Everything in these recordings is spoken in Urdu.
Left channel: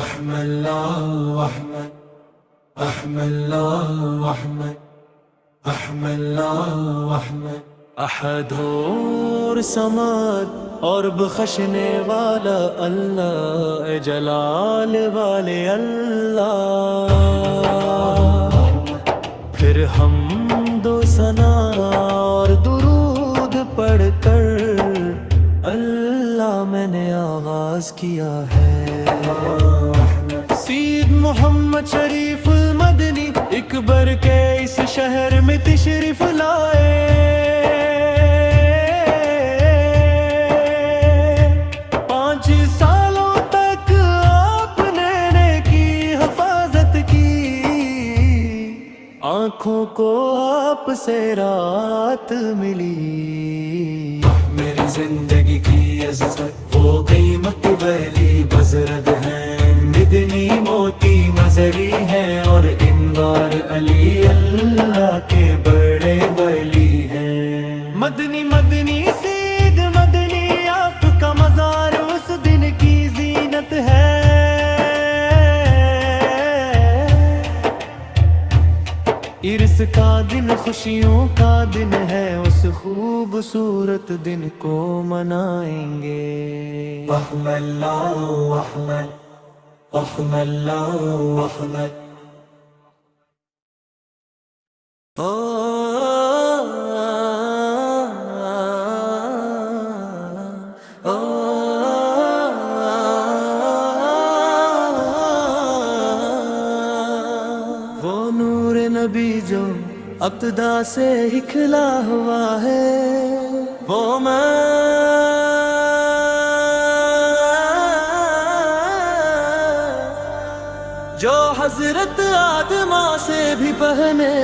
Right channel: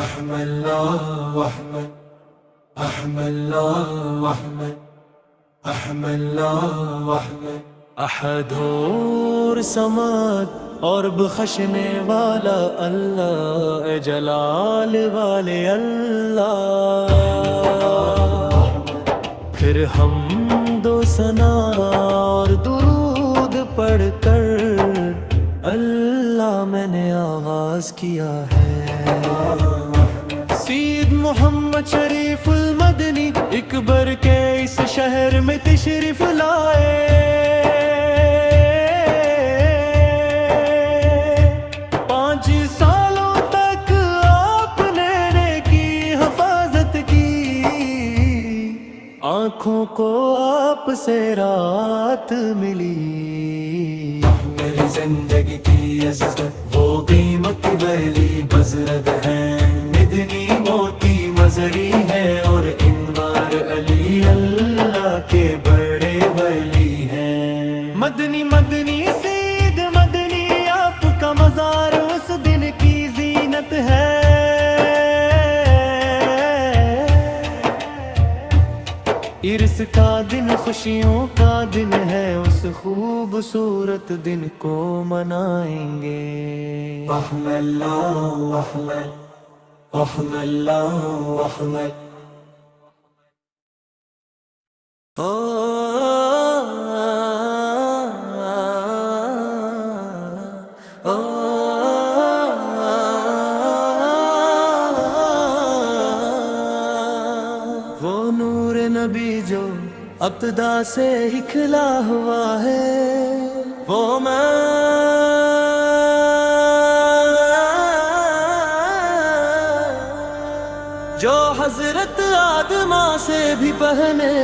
أحمد الله أحمد أحمد الله أحمد أحمد الله أحمد احد اور سماد اور بخشنے والا اللہ، اے جلال والے اللہ، پھر حمد و ثنا اور درود پڑھ کر اللہ میں نے آغاز کیا ہے۔ سید محمد شریف المدنی اکبر کے اس شہر میں تشریف لائے، 5 سالوں تک آپ نے کی حفاظت کی، آنکھوں کو آپ سے رات ملی۔ میری زندگی کی عزت وہ قیمت ویلی بزرگ ہیں، مدنی موتی مزری ہیں، اور انوار علی اللہ کے بڑے ولی ہیں۔ مدنی مدنی سید مدنی آپ کا مزار اس دن کی زینت ہے، عرس کا دن خوشیوں کا دن ہے، اس خوبصورت دن کو منائیں گے۔ احمد اللہ احمد احمد اللہ احمد وہ نور نبی جو ابتدا سے ہی کھلا ہوا ہے، وہ جو حضرت آدمہ سے بھی پہلے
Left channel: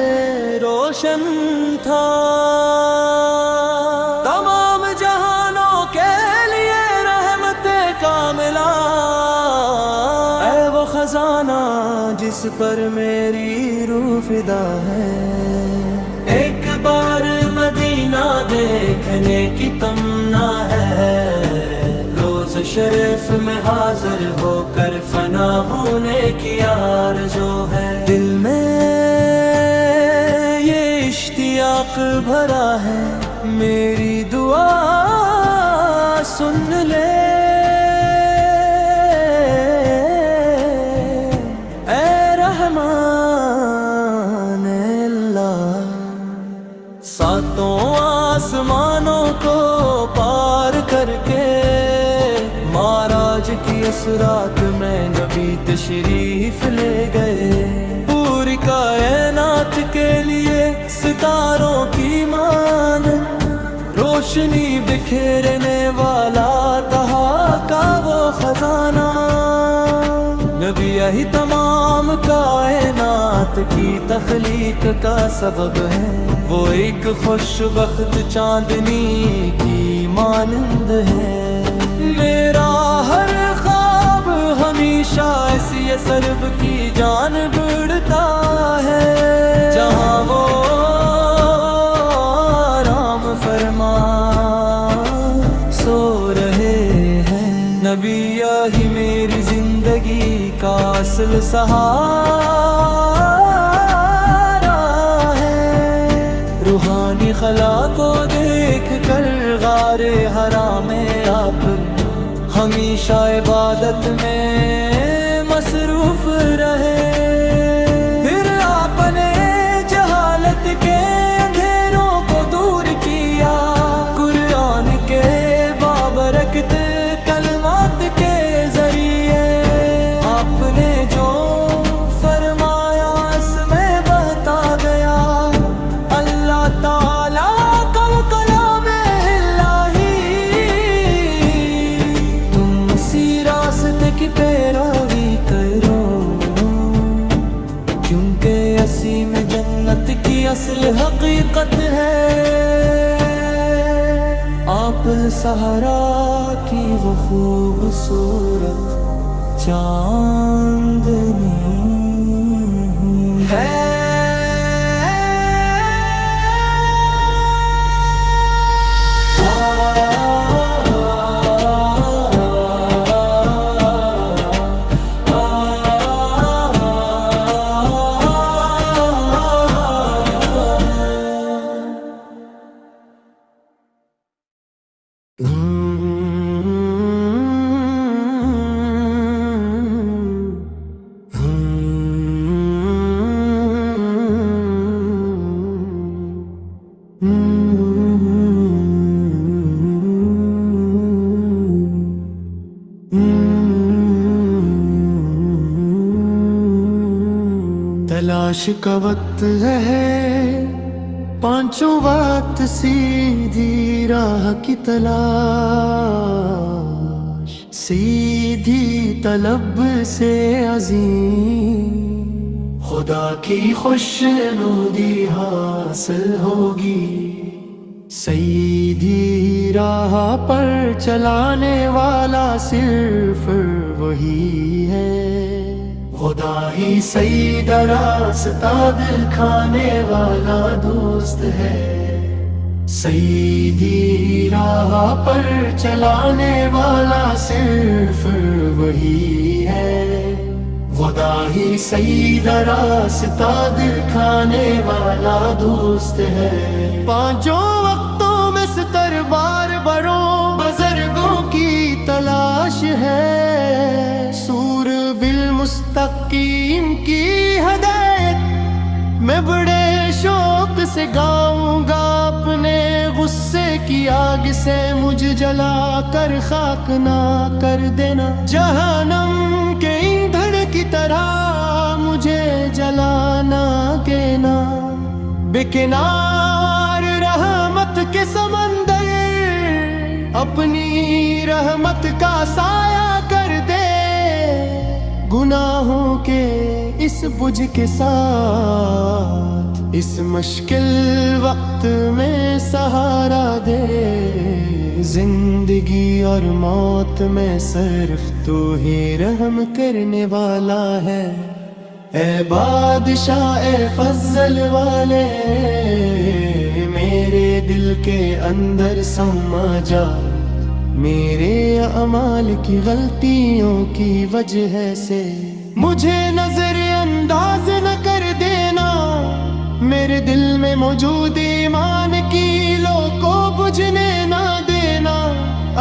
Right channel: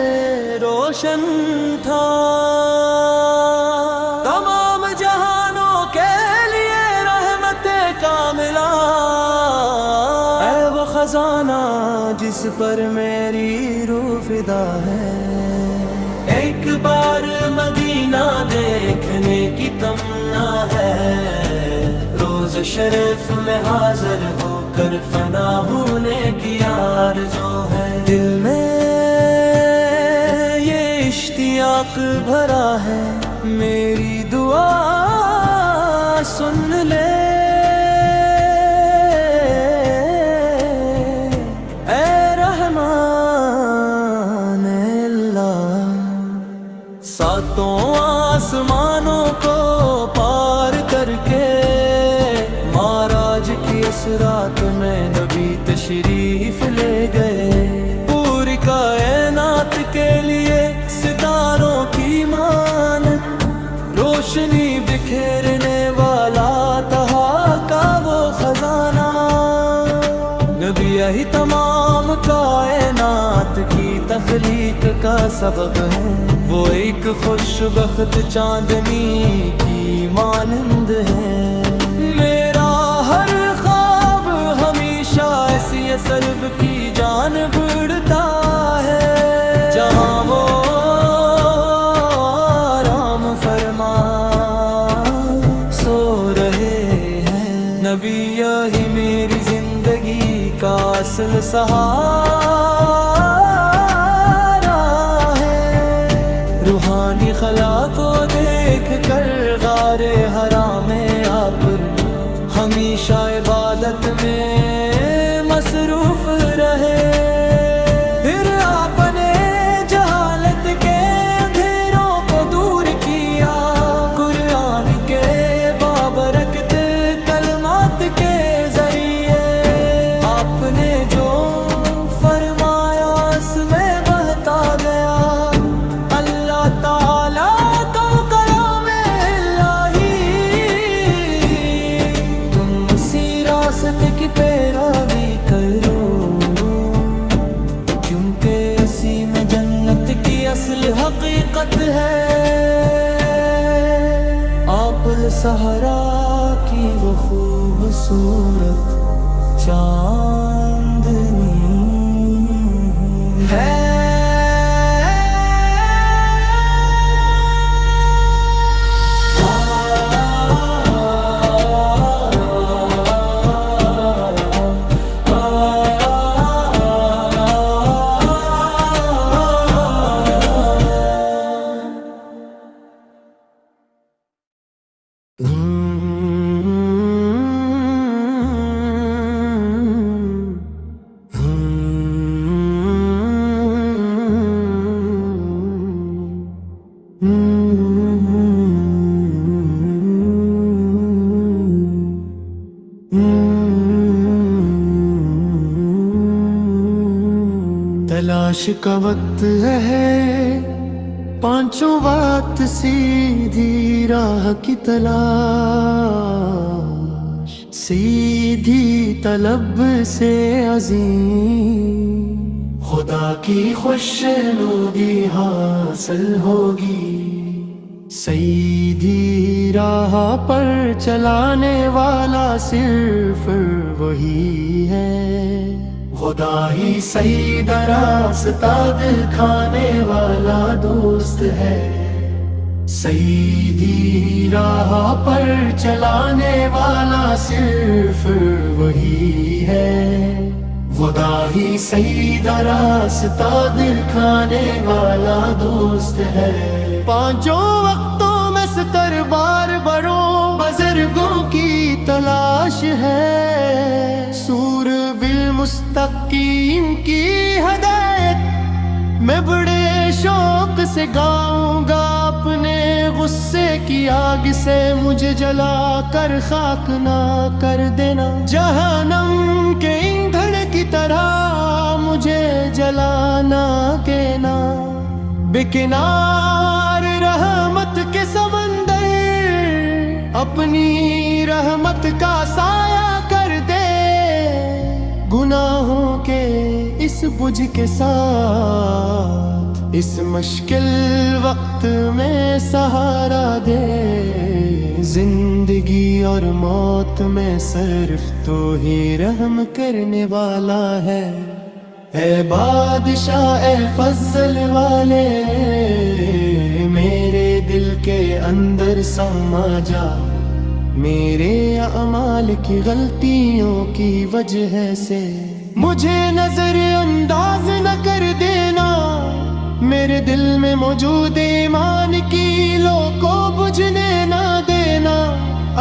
روشن تھا، تمام جہانوں کے لیے رحمت کاملہ، اے وہ خزانہ جس پر میری روح فدا ہے، ایک بار مدینہ دیکھنے کی تمنا ہے، روز شریف میں حاضر ہو کر فنا ہونے کی آرزو ہے، دل میں یہ اشتیاق بھرا ہے، میری دعا سن لے اے رحمان اللہ، 7 آسمانوں کو پار کر کے معراج کی اسرات میں نبی تشریف لے گئے، پوری کائنات کے لیے ستاروں کی مانند روشنی بکھیرنے والا طہا کا وہ خزانہ، نبی یہی تمام کائنات کی تخلیق کا سبب ہے، وہ ایک خوش بخت چاندنی کی مانند ہے، میرا ہر خواب ہمیشہ ایسی سرب کی جانب اڑتا ہے، جہاں وہ آرام فرما سو رہے ہیں، نبی یہی میری زندگی کا اصل سہارا ہے، روحانی خلا کو دیکھ کر غار حرا میں آپ ہمیشہ عبادت میں مصروف رہے، پھر آپ نے جہالت کے اندھیروں کو دور کیا، قرآن کے بابرکت کلمات کے ذریعے آپ نے جو فرمایا اس میں بہتا گیا، اللہ تعالیٰ کا کلام الہی، تم اسی راستے کی پیروی کرو، کیونکہ اسی میں جنت کی اصل حقیقت ہے، آپ الصحرا کی وہ خوبصورت چاندنی ہے۔ تلاش کا وقت ہے، پانچوں وقت سیدھی راہ کی تلاش، سیدھی طلب سے عظیم خدا کی خوشنودی حاصل ہوگی۔ سیدھی راہ پر چلانے والا صرف وہی ہے، خدا ہی سیدھا راستہ دکھانے والا دوست ہے۔ سیدھی راہ پر چلانے والا صرف وہی ہے، خدا ہی سیدھا راستہ دکھانے والا دوست ہے۔ پانچوں وقتوں میں ستر بار بروں بزرگوں کی تلاش ہے، سور بالمستقیم کی ہدایت میں بڑے شوق سے گاؤں گا۔ اپنے غصے کی آگ سے مجھے جلا کر خاک نہ کر دینا، جہنم کے ایندھن کی طرح مجھے جلانا دینا۔ بے کنار رحمت کے سمندر اپنی رحمت کا سایہ کر دے، گناہوں کے اس بجھ کے ساتھ اس مشکل وقت میں سہارا دے۔ زندگی اور موت میں صرف تو ہی رحم کرنے والا ہے۔ اے بادشاہ اے فضل والے، میرے دل کے اندر سما جا، میرے اعمال کی غلطیوں کی وجہ سے مجھے نظر انداز نہ کر دینا۔ میرے دل میں موجود ایمان کی لو کو بجھنے نہ دینا،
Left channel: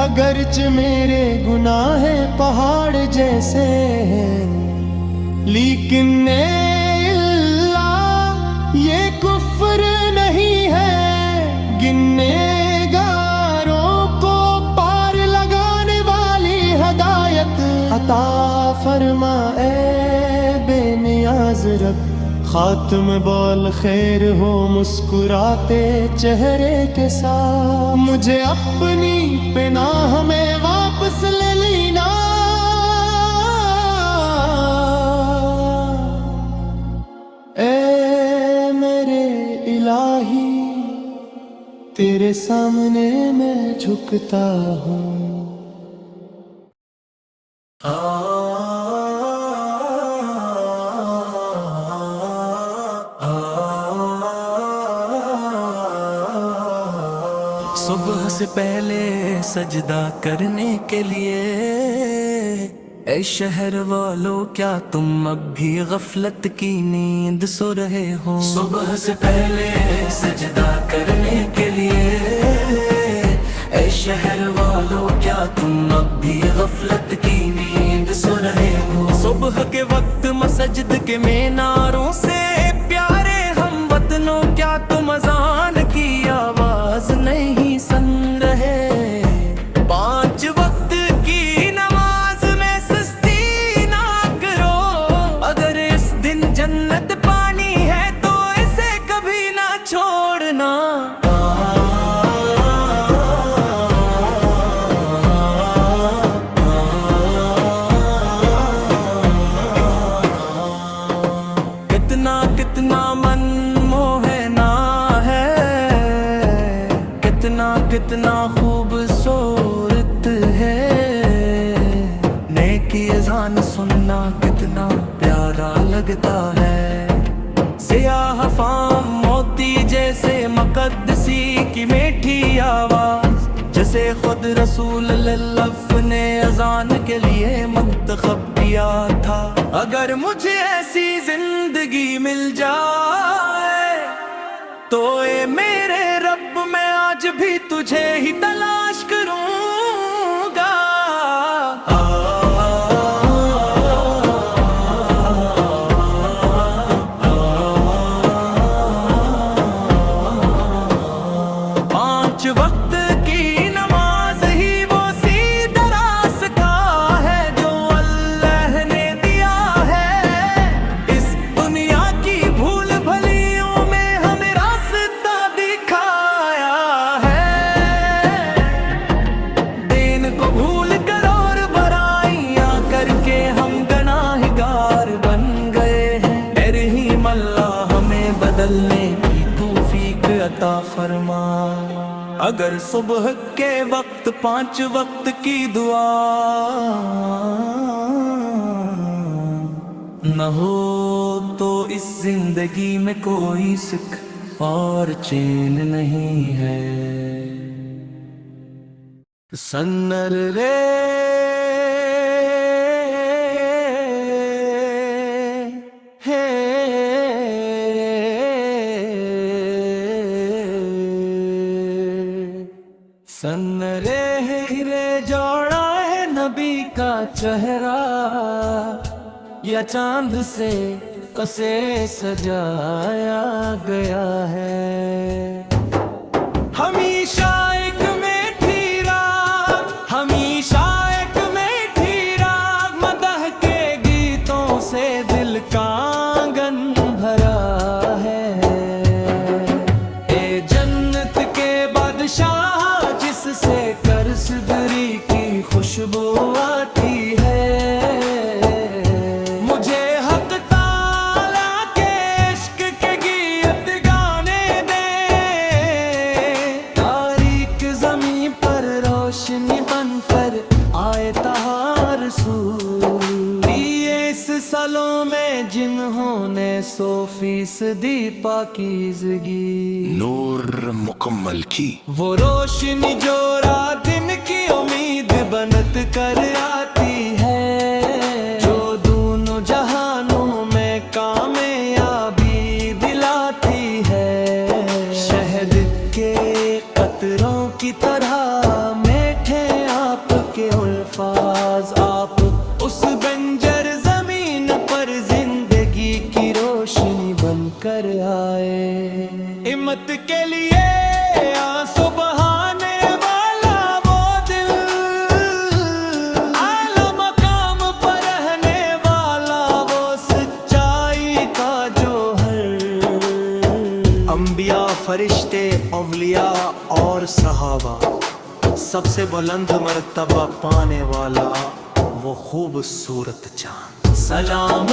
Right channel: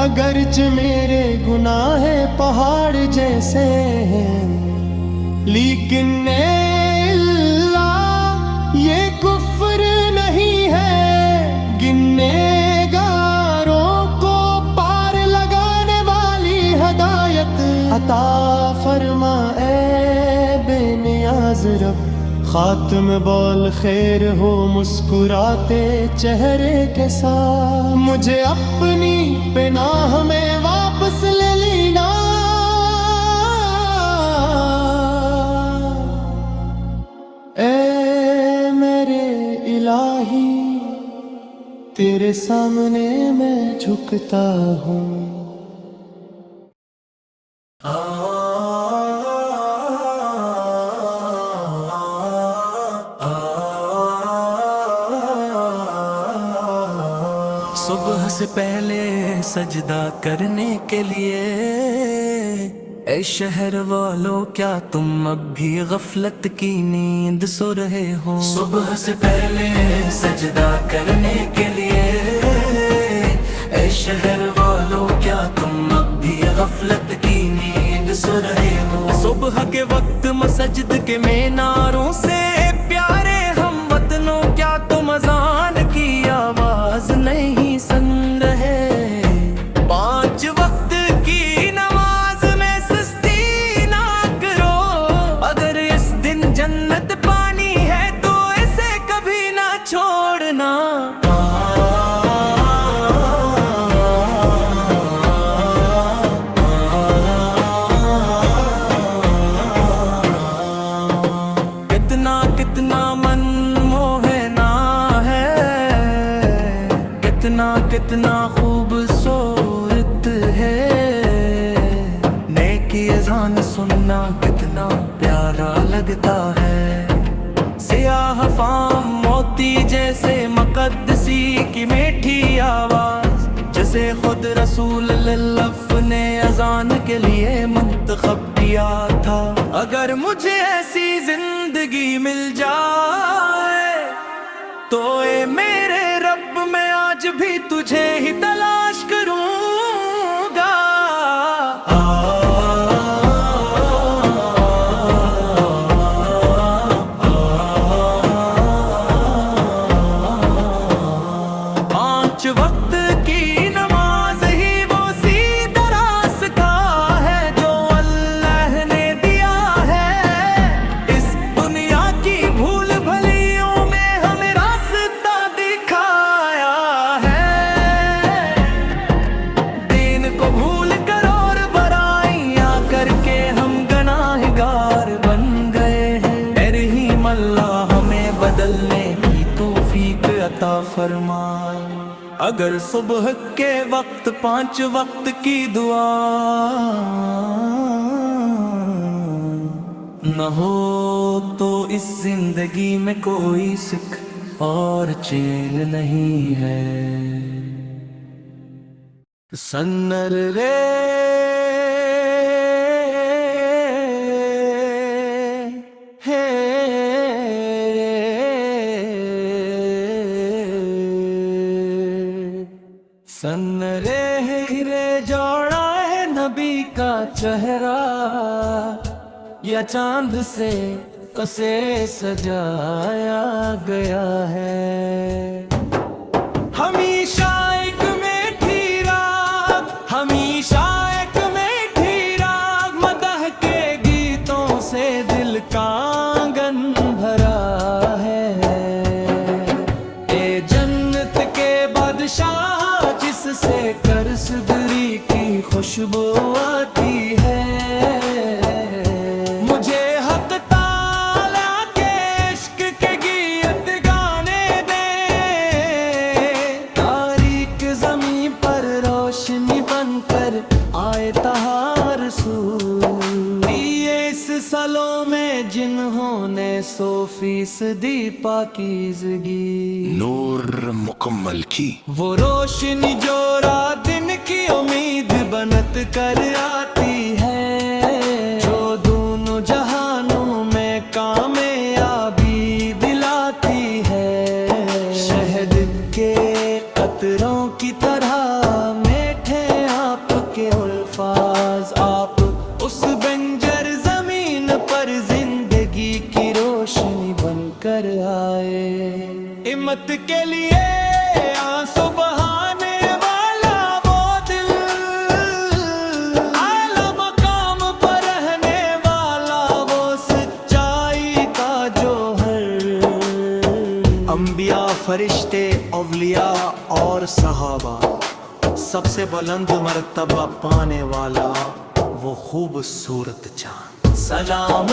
اگرچہ میرے گناہ پہاڑ جیسے ہیں، لیکن اے اللہ یہ کفر نہیں ہے۔ گننے گاروں کو پار لگانے والی ہدایت عطا فرما اے بے نیاز رب۔ خاتم بول خیر ہو مسکراتے چہرے کے ساتھ، مجھے اپنی پناہ میں واپس لے لینا۔ اے میرے الہی تیرے سامنے میں جھکتا ہوں۔ صبح سے پہلے سجدہ کرنے کے لیے اے شہر والو کیا تم اب بھی غفلت کی نیند سو رہے ہو؟ صبح سے پہلے سجدہ کرنے کے لیے اے شہر والو کیا تم اب بھی غفلت کی نیند سو رہے ہو؟ صبح کے وقت مسجد کے میناروں سے پیارے ہم وطنوں کیا تم اذان کی آواز نہیں سن رہے؟ 5 وقت کی نماز میں سستی نہ کرو، اگر اس دن جنت پانی ہے تو اسے کبھی نہ چھوڑنا۔ کتنا من موہنا ہے، کتنا خوبصورت ہے، نیکی اذان سننا کتنا پیارا لگتا ہے۔ سیاہ فام موتی جیسے مقدسی کی میٹھی آواز، جسے خود رسول اللہ نے اذان کے لیے منتخب کیا تھا۔ اگر مجھے ایسی زندگی مل جائے تو اے میرے رب میں آج بھی تجھے ہی تلاش کروں گا۔ وقت کی نماز ہی وہ سیدھا راستہ ہے جو اللہ نے دیا ہے۔ اس دنیا کی بدلنے کی توفیق عطا فرما۔ اگر صبح کے وقت 5 وقت کی دعا نہ ہو تو اس زندگی میں کوئی سکھ اور چین نہیں ہے۔ سنر رے سن رے ہرے جوڑا ہے نبی کا چہرہ، یا چاند سے کسے سجایا گیا ہے۔ ہمیشہ ایک میٹھی راگ، ہمیشہ ایک میٹھی راگ، مدح کے گیتوں سے دل کا آنگن بھرا ہے۔ اے جنت کے بادشاہ جس سے کرسدری کی خوشبو آتی ہے، مجھے حق تعالیٰ کے عشق کے گیت گانے دے۔ تاریک زمین پر روشنی بن کر آئے طہا رسول، اس سالوں میں جنہوں نے 100% پاکیزگی نور مکمل کی، وہ روشنی جو رات دن کی امید بنت کر آتی ہے، جو دونوں جہانوں میں کامیابی دلاتی ہے۔ شہد کے قطروں کی طرح میٹھے آپ کے الفاظ، آپ اس بنجر زمین پر زندگی کی روشنی بن کر آئے۔ ہمت کے لیے آنسو بہانے والا وہ دل، اعلیٰ مقام پر رہنے والا وہ سچائی کا جوہر۔ انبیاء، فرشتے، اولیاء اور صحابہ، سب سے بلند مرتبہ پانے والا وہ خوبصورت چاند۔ سلام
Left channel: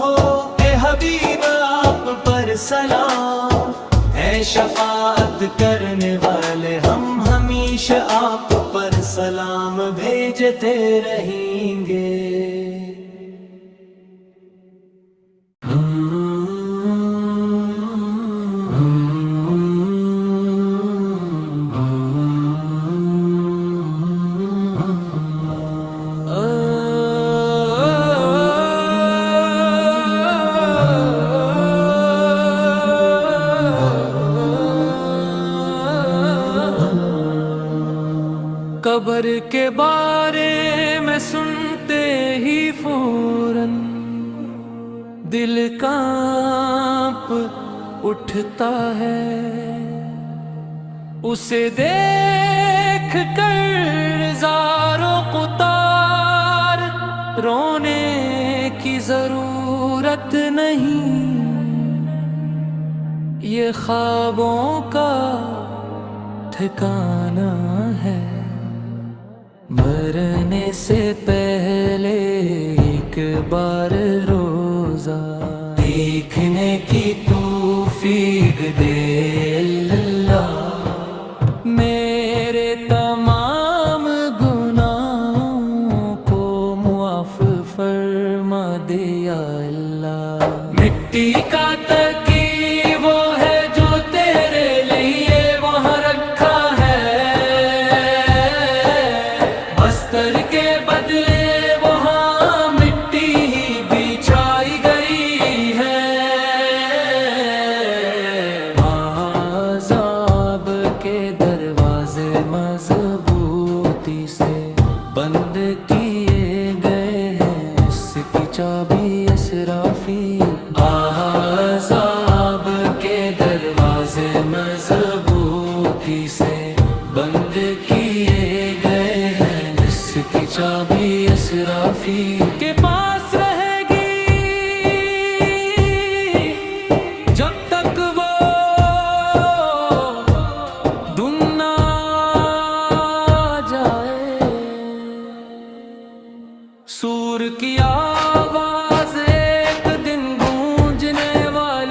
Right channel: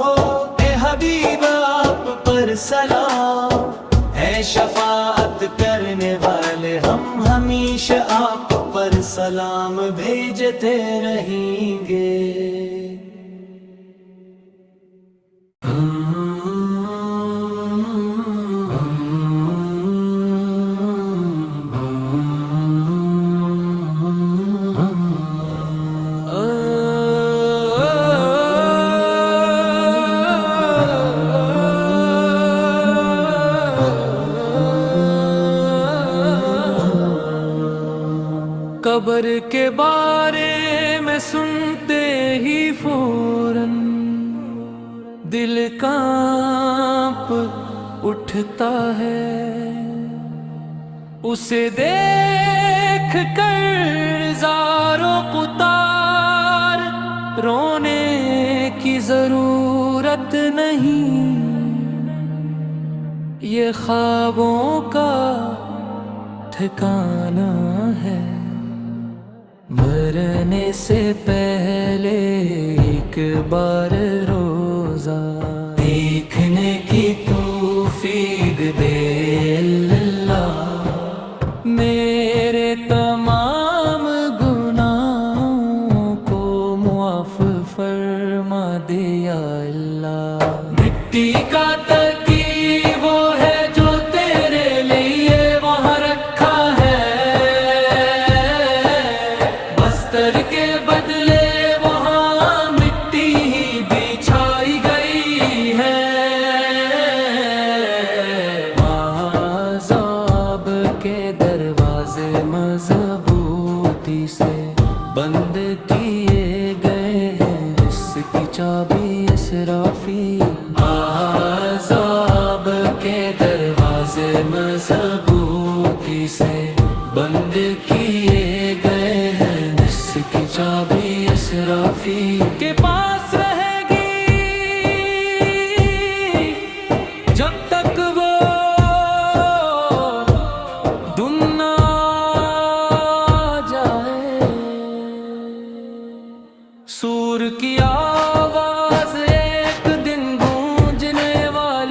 ہو اے حبیب آپ پر سلام، اے شفاعت کرنے والے ہم ہمیشہ آپ پر سلام بھیجتے رہیں گے۔ قبر کے بارے میں سنتے ہی فوراً دل کانپ اٹھتا ہے، اسے دیکھ کر زار و قطار رونے کی ضرورت نہیں، یہ خوابوں کا ٹھکانہ ہے۔ مرنے سے پہلے ایک بار روزہ دیکھنے کی توفیق دے اللہ، میرے تمام گناہوں کو معاف فرما دے یا اللہ۔ مٹی کا تکی وہ ہے جو تیرے لیے وہاں رکھا ہے، بستر کے بدلے وہاں مٹی ہی بچھائی گئی ہے۔ عذاب کے دروازے مضبوطی سے بند کیے گئے ہیں، اس کی چابی اسرافیل۔ عذاب کے دروازے مضبوطی سے بند کیے گئے ہیں، اس کی چابی اسرافیل کے پاس رہے گی جب تک وہ دن نہ جائے۔ سور کی آواز ایک دن گونجنے والی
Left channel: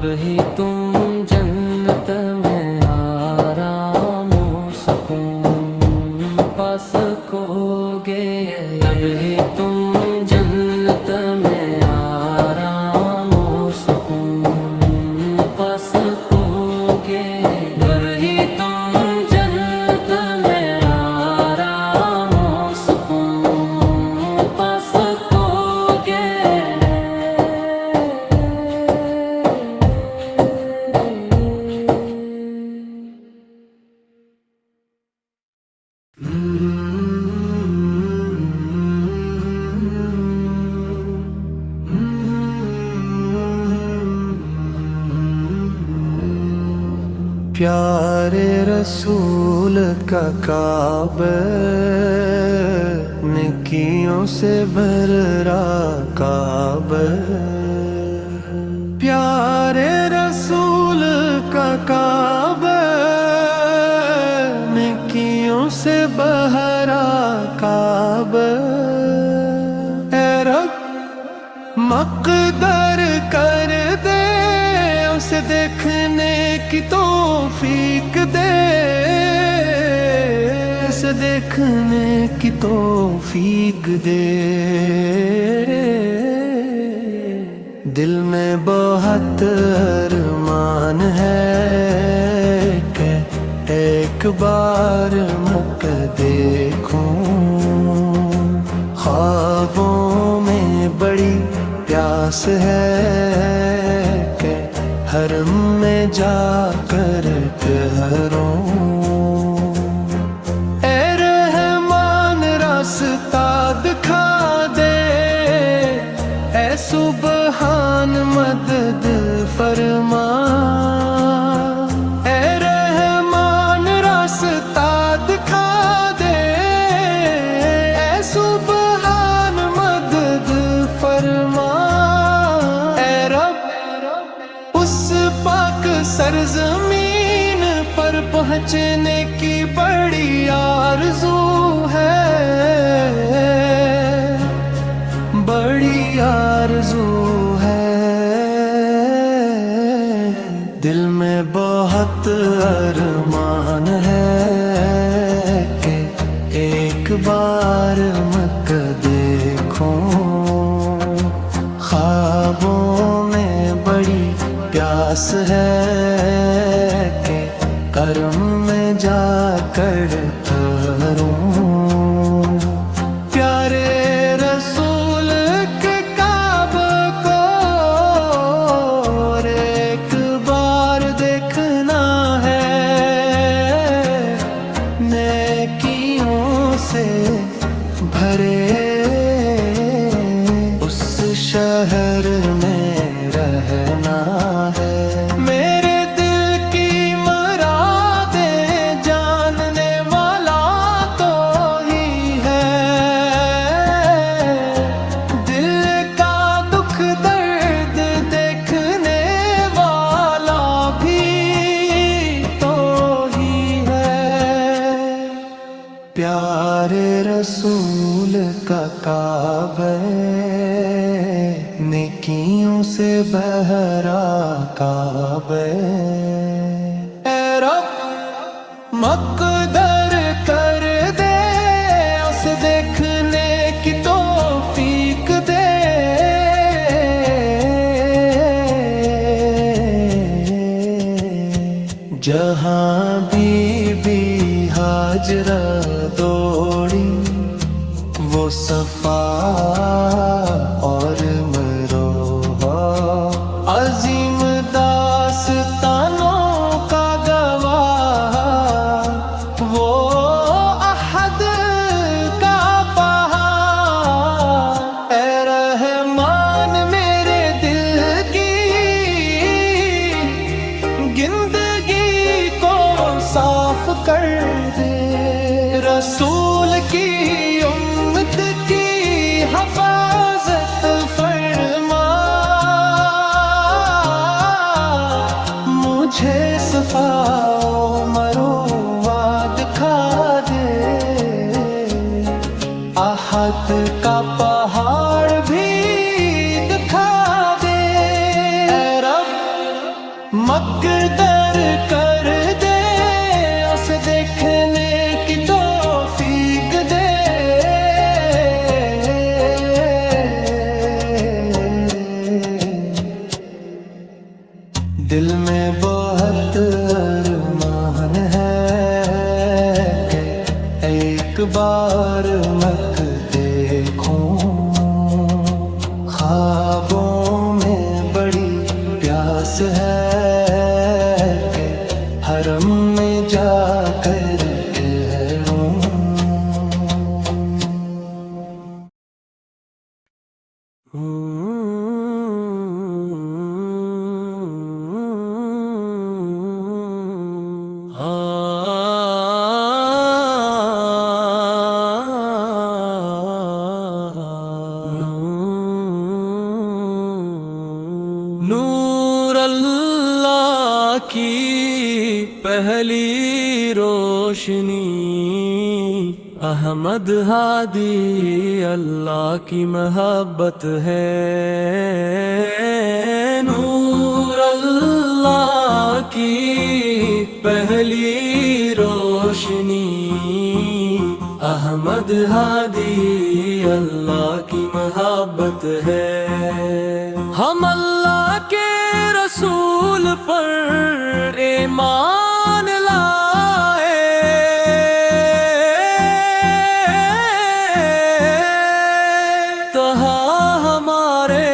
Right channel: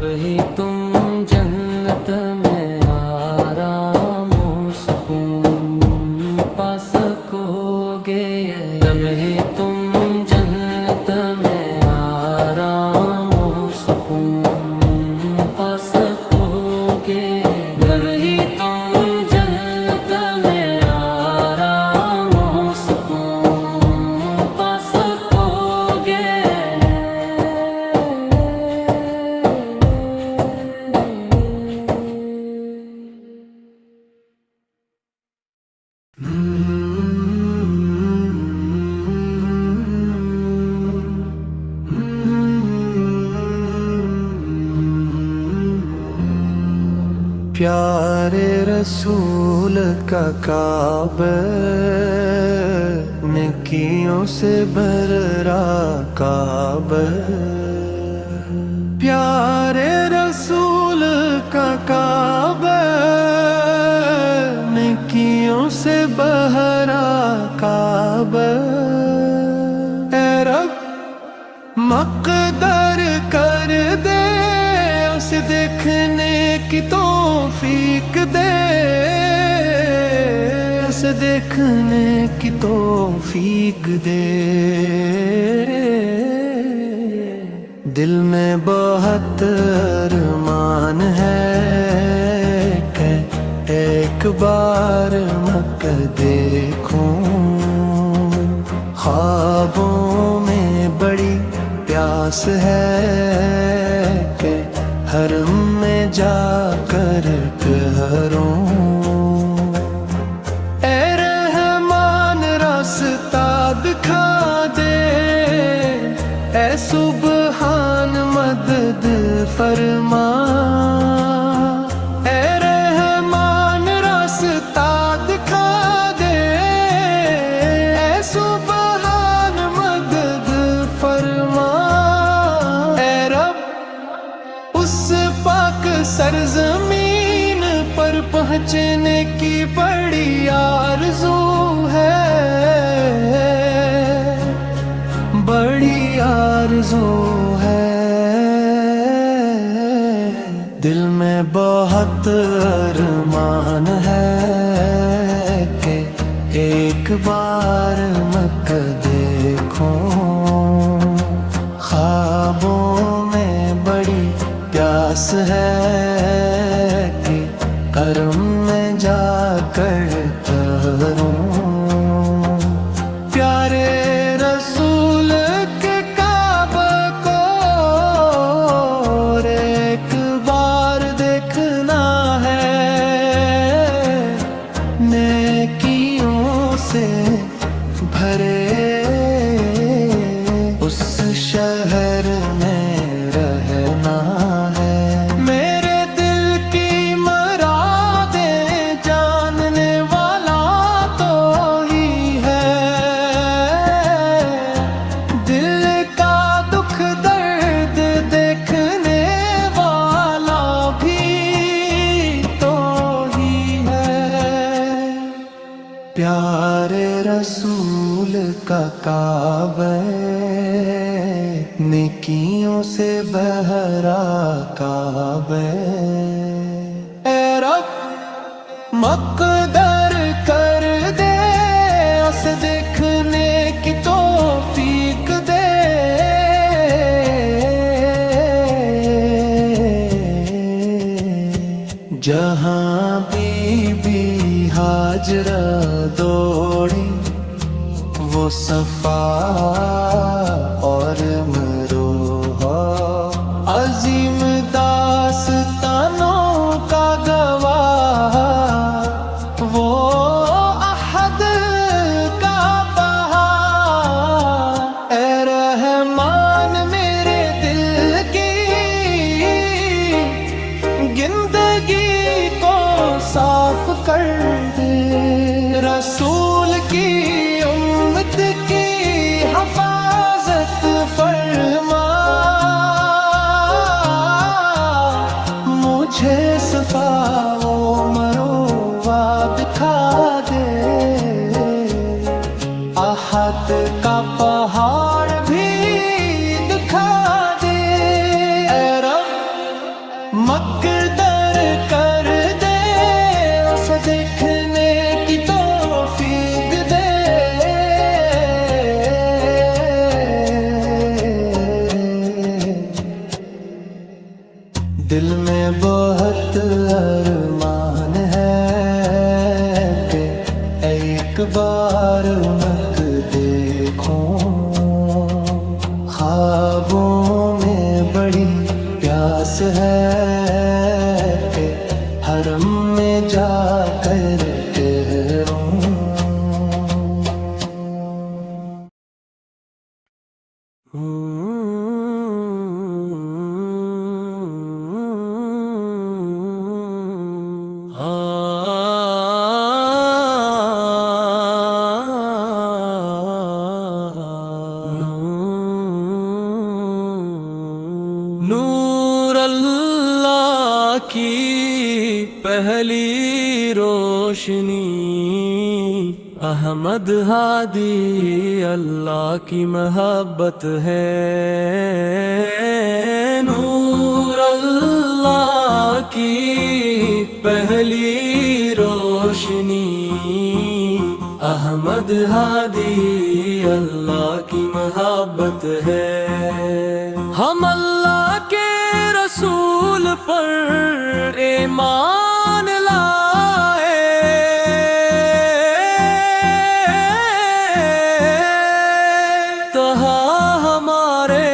تب ہی تم جنت میں آرام و سکون پا سکو گے، تب ہی تم جنت میں آرام و سکون پا سکو گے، تب ہی تم جنت میں آرام و سکون پا سکو گے۔ پیارے رسول کا کعبہ نیکیوں سے بھر رہا کعبہ، پیارے رسول کا کعبہ نیکیوں سے بھرا کعبہ، اے رب مقدر کر دے اسے دیکھنے کی توفیق دے، اسے دیکھنے کی توفیق دے۔ دل میں بہت ارمان ہے کہ ایک بار مکہ دیکھوں، خوابوں میں بڑی پیاس ہے کہ حرم میں جا کر ٹھہروں، اے رحمان راستہ دکھا دے، اے سبحان مدد فرما، اے رحمان راستہ دکھا دے، اے سبحان مدد فرما، اے رب اس پاک سرزمین پر پہنچنے کی بڑی آرزو ہے، بڑی آرزو ہے۔ دل میں بہت ارمان ہے کہ ایک بار مکہ دیکھوں، خوابوں میں بڑی پیاس ہے کہ کرم میں جا کر ٹھہروں، پیارے رسول کے کعبہ کو اور ایک بار دیکھنا ہے، نیکیوں سے بھرے اس شہر میں رہنا ہے، میرے دل کی مرادیں جاننے والا تو ہی ہے، دل کا دکھ درد دیکھنے والا بھی تو ہی ہے، پیارے رسول کا کعبہ نیکیوں سے بھرا کعبہ، اے رب مقدر کر دے اسے دیکھنے کی توفیق دے، جہاں بی بی ہاجرہ دوڑی وہ صفا اور مروہ، عظیم داستانوں کا گواہ وہ احد کا پہاڑ، اے رحمان میرے دل کی گندگی کو صاف کر دے، رسول کی امت کی حفاظت فرما، مجھے صفا و مروہ دکھا دے، احد کا پہاڑ بھی دکھا دے، اے رب مقدر کر دے اسے دیکھنے کی توفیق دے دل میں بہت ارمان ہے کہ ایک بار مکہ دیکھوں خوابوں میں بڑی پیاس ہے کہ حرم میں جا کر کہروں نور اللہ کی پہلی روشنی احمد ہادی اللہ کی محبت ہے نور اللہ کی پہلی روشنی احمد ہادی اللہ کی محبت ہے ہم اللہ کے رسول پر ایمان لائے تہاں ہمارے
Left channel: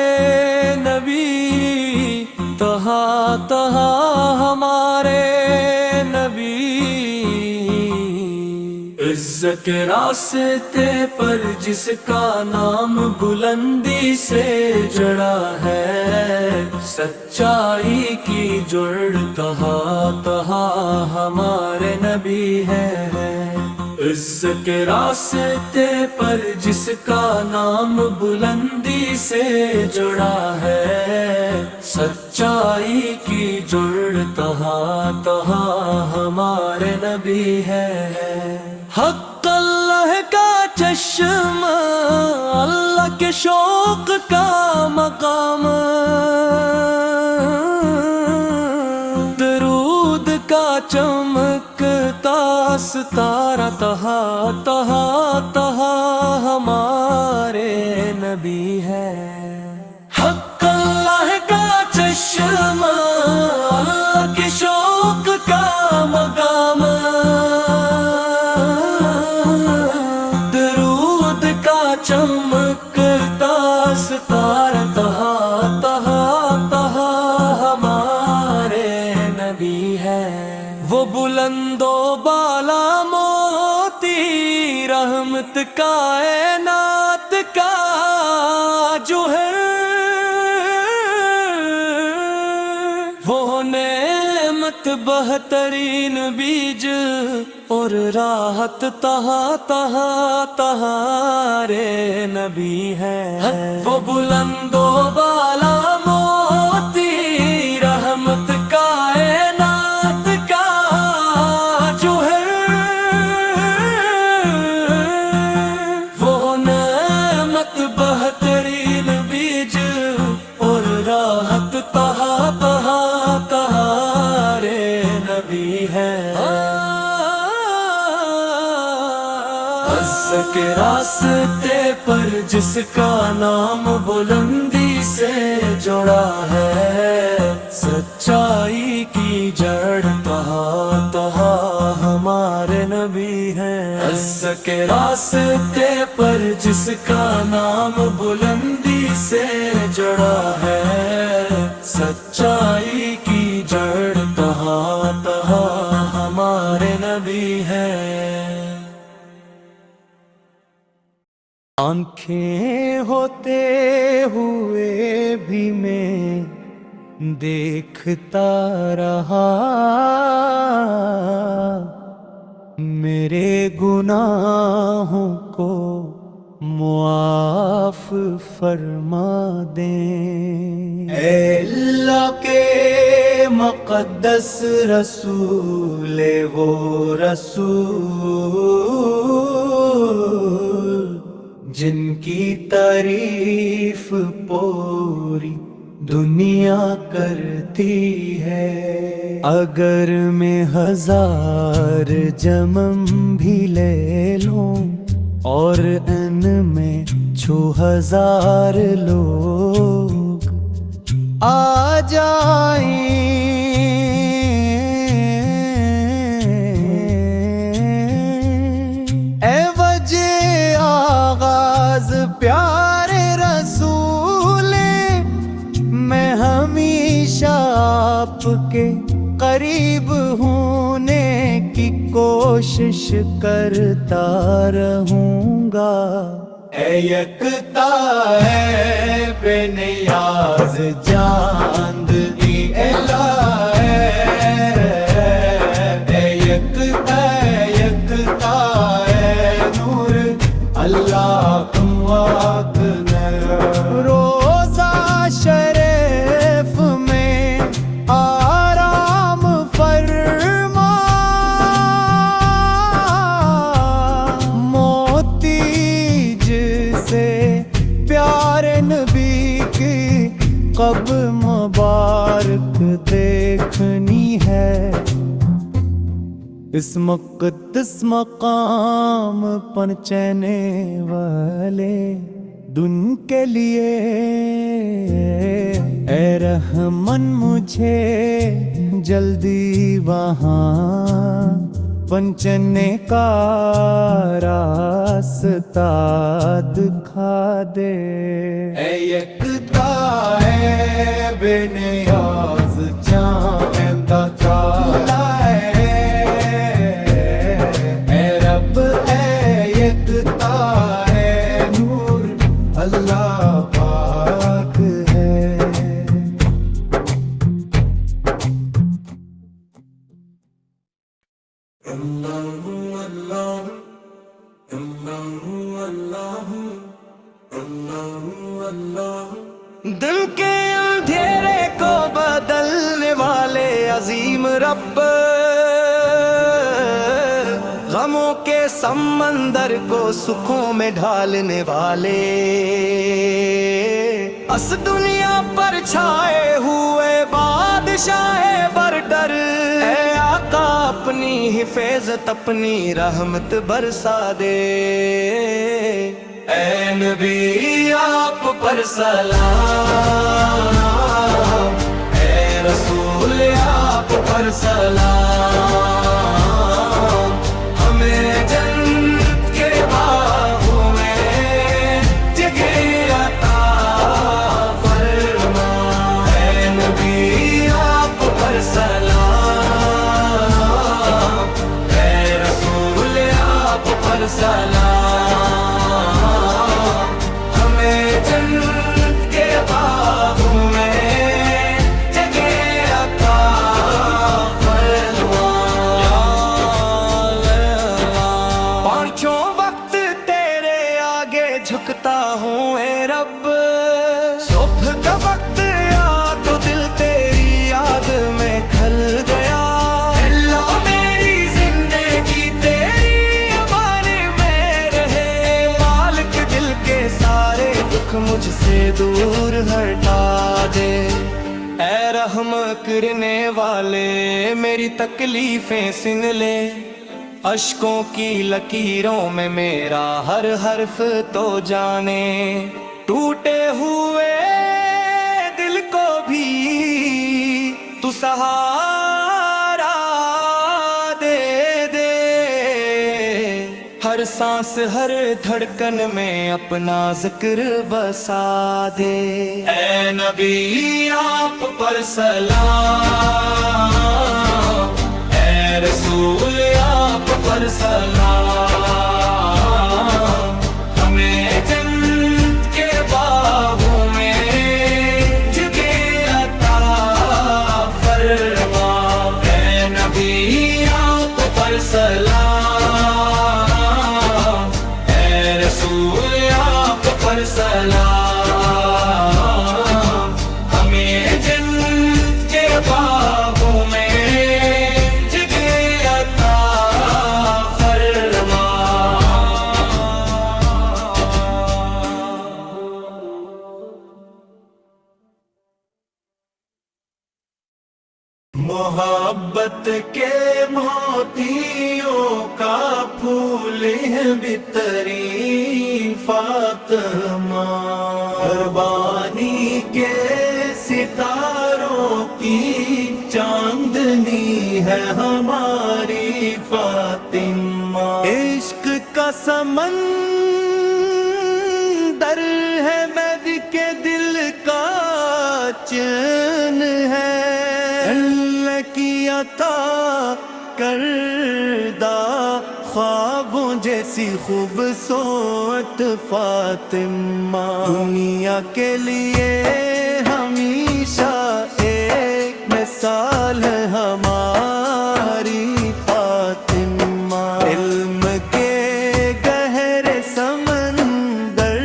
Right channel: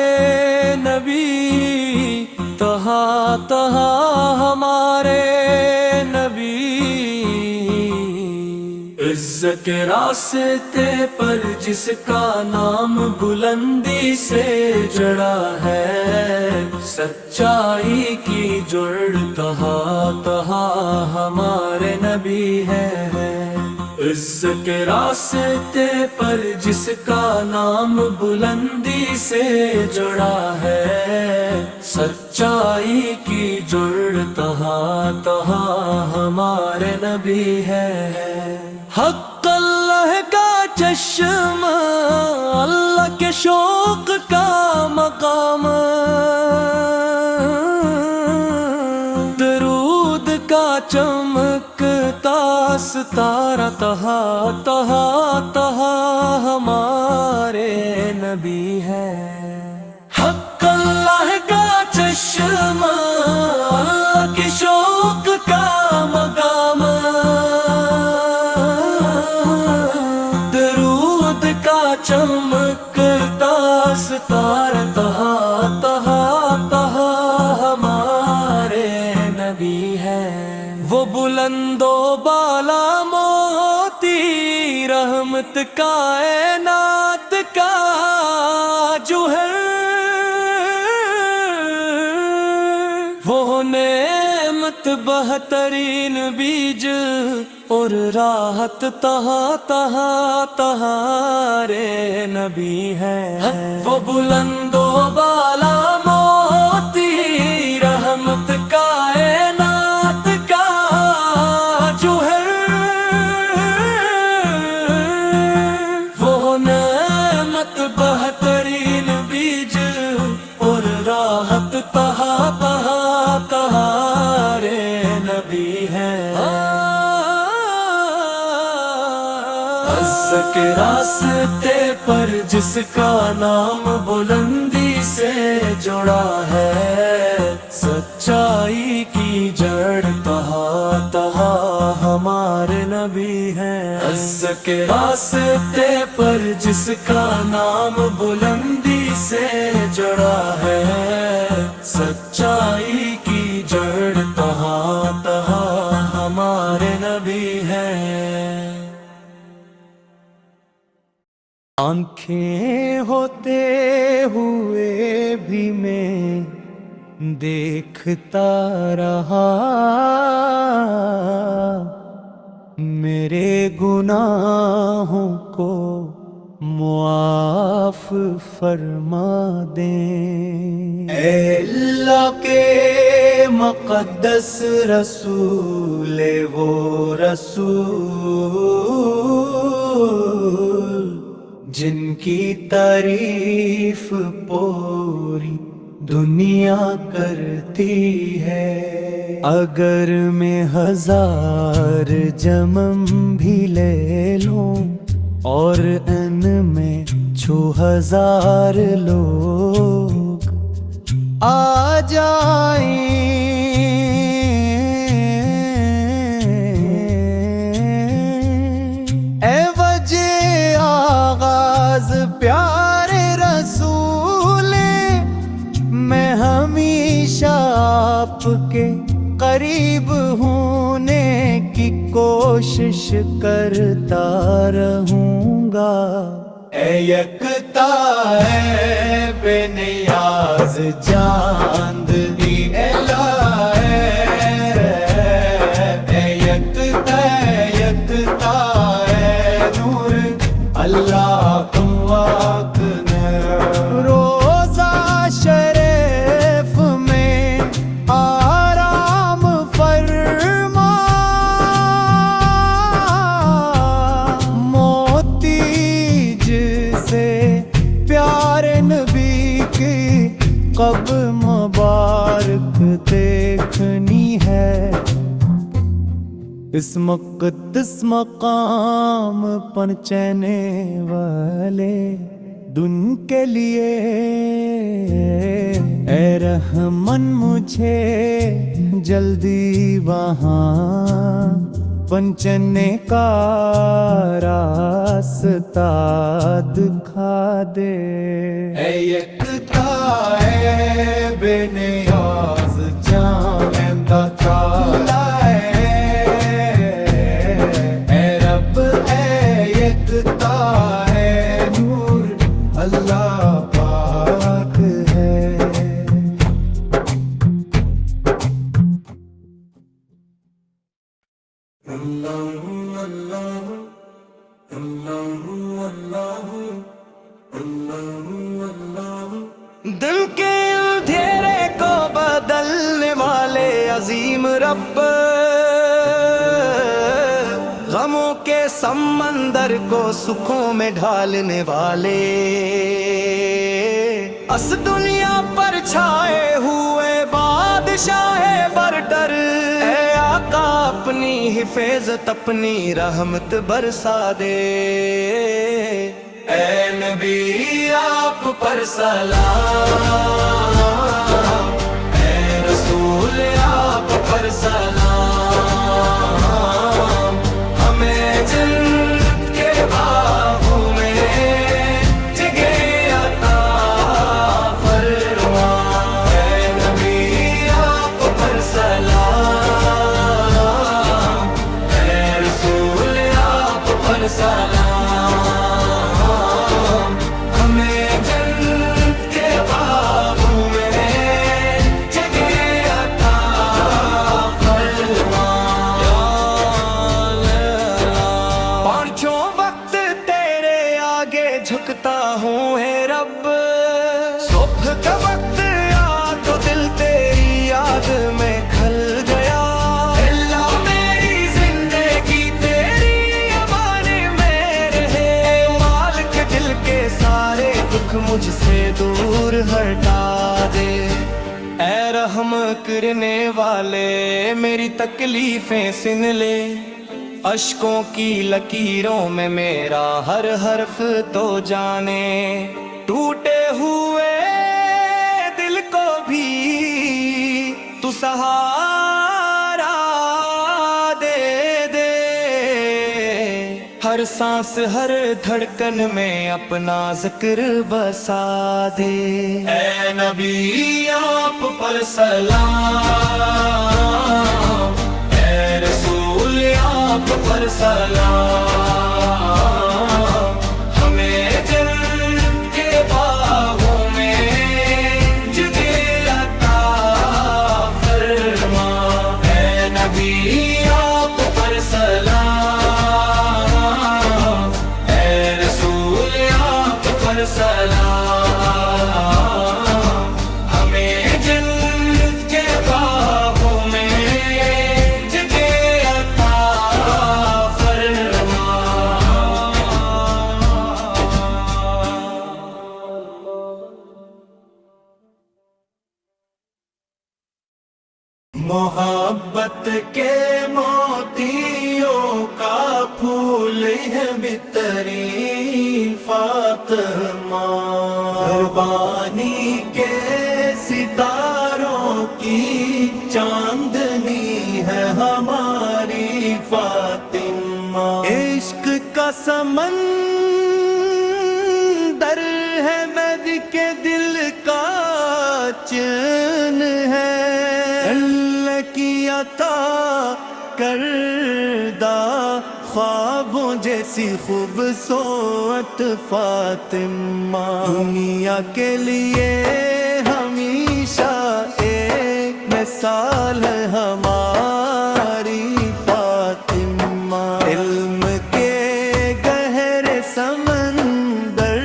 نبی تہاں ہمارے نبی عزت کے راستے پر جس کا نام بلندی سے جڑا ہے سچائی کی جڑ تہاں ہمارے نبی ہے عزت کے راستے پر جس کا نام بلندی سے جڑا ہے سچائی کی جڑ تہاں ہمارے نبی ہے حق اللہ کا چشم اللہ کے شوق کا مقام درود کا چمکتا ستارہ تہاں ہمارے نبی ہے حق اللہ کا چشم اللہ کے شوق کا مقام درود کا چمکتا ستارہ تہاں ہمارے نبی ہے وہ بلند و بالا موتی رحمت کائنات کا جو ہے وہ نعمت بہترین بیج اور راحت تہاں رے نبی ہے وہ بلند و بالا موتی رحمت کائنات کا جو ہے وہ نعمت بہترین بیج اور راحت تہاں رے نبی ہے عزت کے راستے پر جس کا نام بلندی سے جڑا ہے سچائی کی جڑ تہاں ہمارے نبی ہیں عزت کے راستے پر جس کا نام بلندی سے جڑا ہے سچائی کی جڑ تہاں ہمارے نبی ہیں آنکھیں ہوتے ہوئے بھی میں دیکھتا رہا میرے گناہوں کو معاف فرما دیں اے اللہ کے مقدس رسول وہ رسول جن کی تعریف پوری دنیا کرتی ہے۔ اگر میں 1000 جمم بھی لے لوں اور ان میں 6000 لوگ آ جائیں، اے وجہ آغاز پیارے رسول، میں ہمیشہ آپ کے قریب ہونے کی کوشش کرتا رہوں گا۔ اے یکتا اے بے نیاز چاند دی الہ، اے یکتا اے نور اللہ تم واق نے۔ روزہ شریف میں آرام فرما، موتی جسے پیارے نبی کی قبر مبارک دیکھنی ہے، اس مقدس مقام پہنچنے والے دن کے لیے اے رحمن مجھے جلدی وہاں پہنچنے کا راستہ دکھا دے۔ اے یکتا اے بے نیاز چاند تالا، اے رب اے یکتا اے نور اللہ پاک ہے۔ دل کے اندھیرے کو بدلنے والے عظیم رب، غموں کے سمندر کو سکھوں میں ڈھالنے والے، اس دنیا پر چھائے ہوئے بادشاہ برتر، اے آقا اپنی حفاظت اپنی رحمت برسا دے۔ اے نبی آپ پر سلام، اے رسول آپ پر سلام، ہمیں جنت کے باغوں میں جگہ عطا فرما۔ اے نبی آپ پر سلام، اے رسول آپ پر سلام، جھکتا ہوں اے رب، صبح کا وقت آ تو دل تیری یاد میں کھل گیا، اللہ میری زندگی تیری امان میں رہے، مالک دل کے سارے دکھ مجھ سے دور ہٹا دے۔ اے رحم کرنے والے میری تکلیفیں سن لے، اشکوں کی لکیروں میں میرا ہر حرف تو جانے، ٹوٹے ہوئے دل کو بھی تو سہارا دے دے، ہر سانس ہر دھڑکن میں اپنا ذکر بسا دے۔ اے نبی آپ پر سلام، اے رسول آپ پر سلام، ہمیں جنت کے باغوں میں جگہ عطا فرما۔ اے نبی آپ پر سلام، اے رسول آپ پر سلام، ہمیں جنت کے باغوں میں محبت کے موتیوں کا پھول ہے بہترین فاطمہ، قربانی کے ستاروں کی چاندنی ہے ہماری فاطمہ۔ عشق کا سمندر ہے میری کے دل کا چین ہے، اللہ کی عطا کردہ خوابوں جیسی خوبصورت فاطمہ، دنیا کے لیے ہمیشہ ایک مثال ہے ہماری فاطمہ، علم کے گہرے سمندر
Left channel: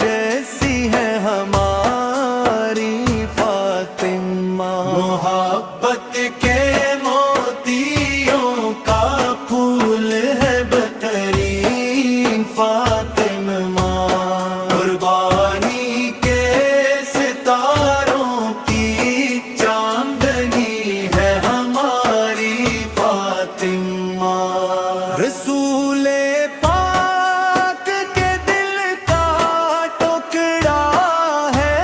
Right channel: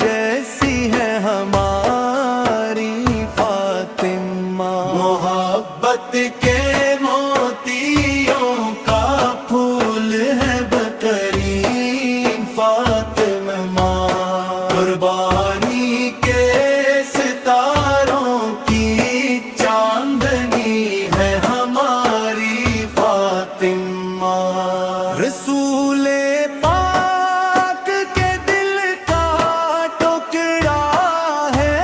جیسی ہے ہماری فاطمہ، محبت کے موتیوں کا پھول ہے بہترین فاطمہ، قربانی کے ستاروں کی چاندنی ہے ہماری فاطمہ۔ رسول پاک کے دل کا ٹکڑا ہے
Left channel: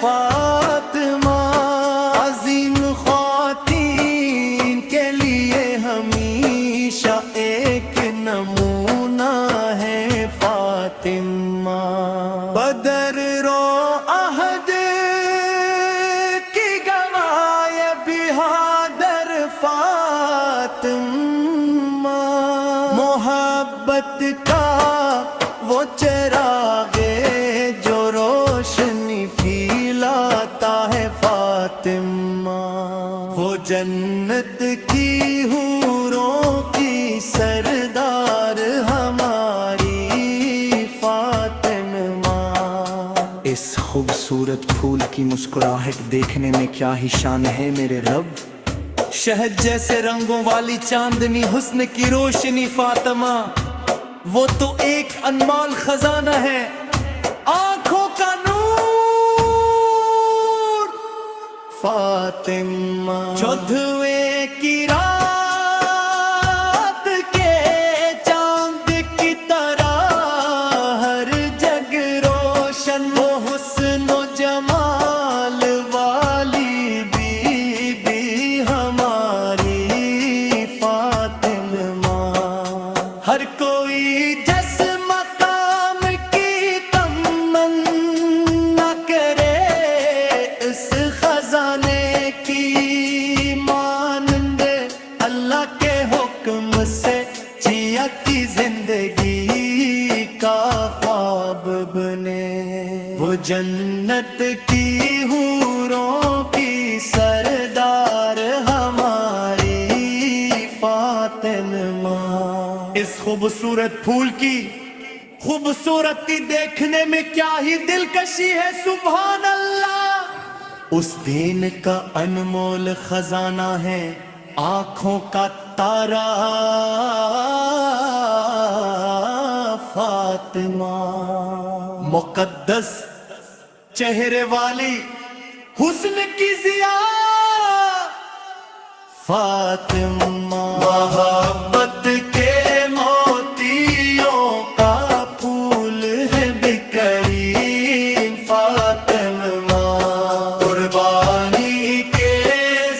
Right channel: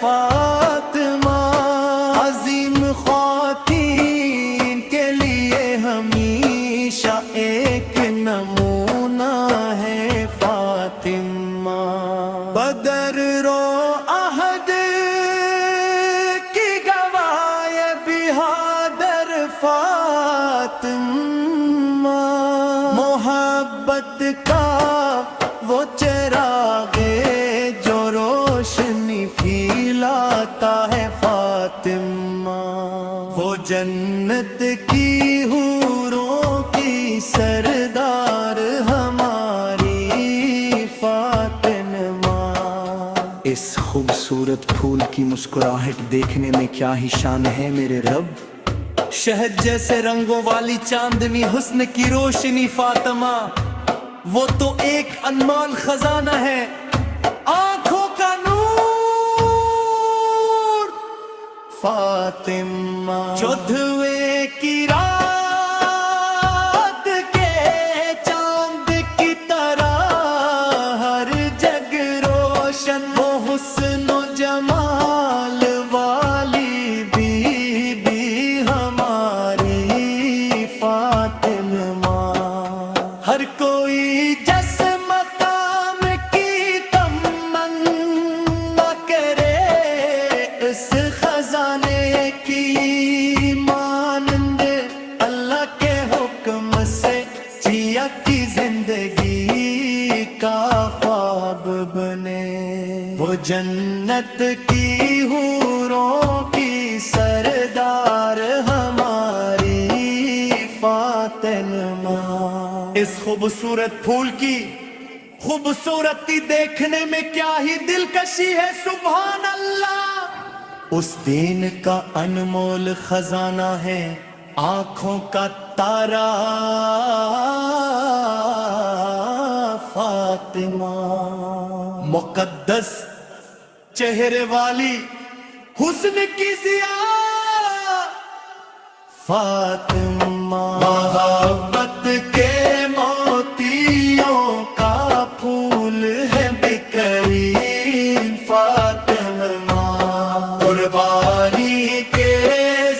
فاطمہ، عظیم خواتین کے لیے ہمیشہ ایک نمونہ ہے فاطمہ، بدر رو عہد کی گواہ بہادر فاطمہ، محبت کا وہ چراغ جو روشنی پھیلاتا ہے فاطمہ، وہ جنت کی حوروں کی سردار ہماری فاطمہ۔ اس خوبصورت پھول کی مسکراہٹ دیکھنے میں کیا ہی شان ہے میرے رب، شہد جیسے رنگوں والی چاندنی حسن کی روشنی فاطمہ، وہ تو ایک انمول خزانہ ہے، آنکھوں کا نور فاطمہ، چودھویں کی رات کے چاند کی طرح ہر جگ روشن، وہ حسن و جمال والی بی بی ہماری فاطمہ، ہر کوئی جس مقام کی تمنا کرے اس خزانے کی مانند، اللہ کے حکم سے جیا کی زندگی کا خواب بنے، وہ جنت کی حوروں کی سردار ہماری فاطمہ۔ اس خوبصورت پھول کی خوبصورتی دیکھنے میں کیا ہی دلکشی ہے، سبحان اللہ، اس دین کا انمول خزانہ ہے آنکھوں کا تارا فاطمہ، مقدس چہرے والی حسن کی ضیا فاطمہ، محبت کے موتیوں کا پھول ہے بہترین فاطمہ، قربانی کے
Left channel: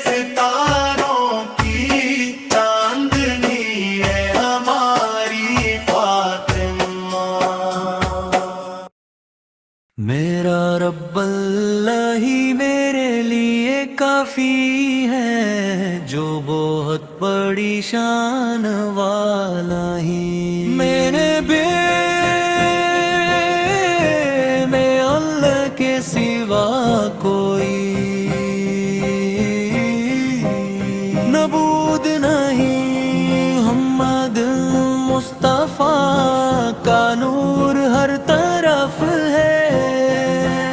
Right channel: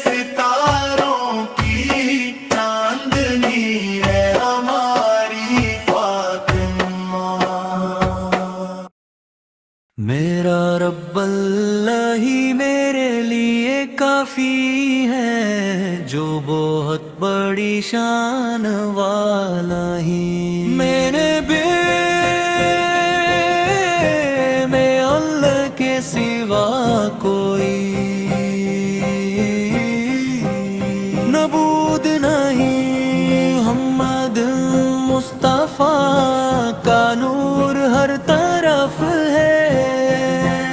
ستاروں کی چاندنی ہے ہماری فاطمہ۔ میرا رب اللہ ہی میرے لیے کافی ہے، جو بہت بڑی شان والا ہی، میرے بے میں اللہ کے سوا کوئی نبود نہیں، محمد مصطفیٰ کا نور ہر طرف ہے،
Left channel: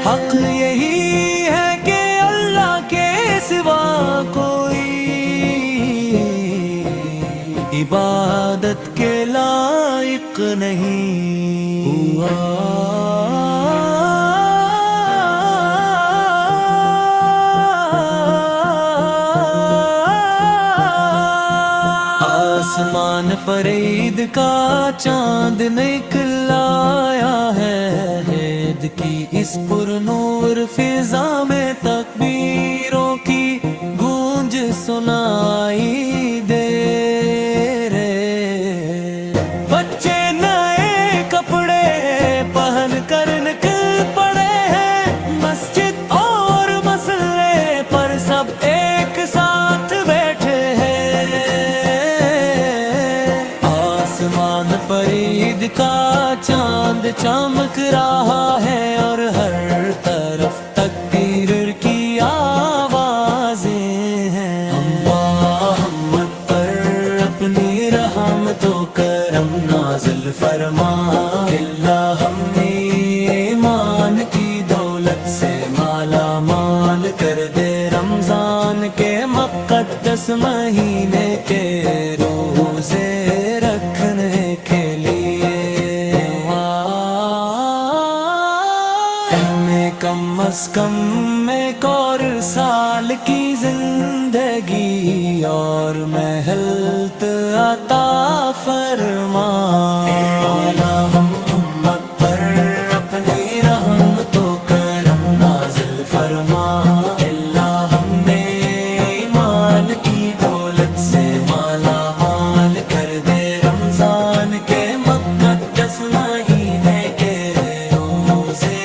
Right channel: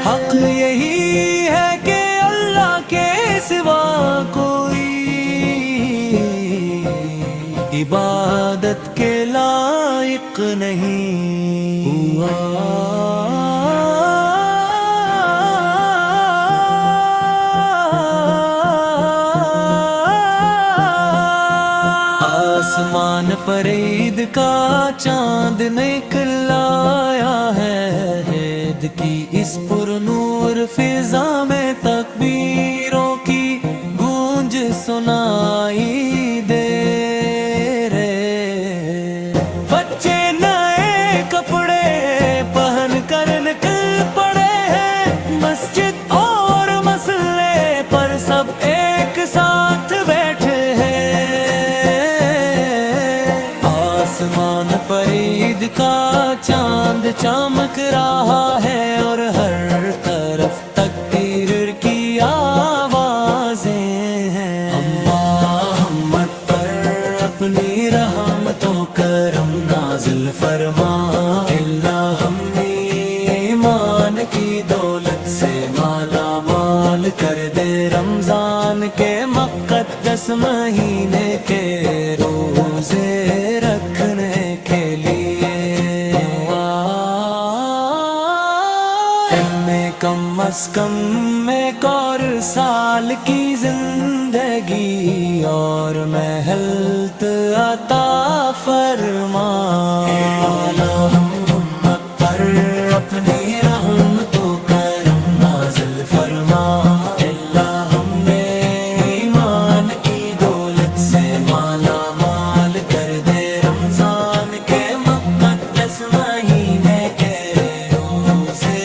حق یہی ہے کہ اللہ کے سوا کوئی عبادت کے لائق نہیں ہوا۔ آسمان پر عید کا چاند نکل آیا ہے، عید کی اس پر نور فضا میں تکبیروں کی گونج سنائی دے رہے۔ بچے نئے کپڑے پہن کر نکل پڑے ہیں، مسجد اور مسلے پر سب ایک ساتھ بیٹھے ہیں۔ آسمان پر عید کا چاند چمک رہا ہے اور ہر طرف تکبیر کی آوازیں ہیں۔ اللہ ہم پر اپنی رحمت و کرم نازل فرما، اللہ ہمیں ایمان کی دولت سے مالا مال کر دے، رمضان کے مقدس مہینے کے روزے رکھنے کے لیے میں کم از کم ایک اور سال کی زندگی اور محلت عطا فرما۔ ہم امت پر اپنی رحمت و کرم نازل فرما، اللہ ہمیں ایمان کی دولت سے مالا مال کر دے، رمضان کے مقدس مہینے کے روزے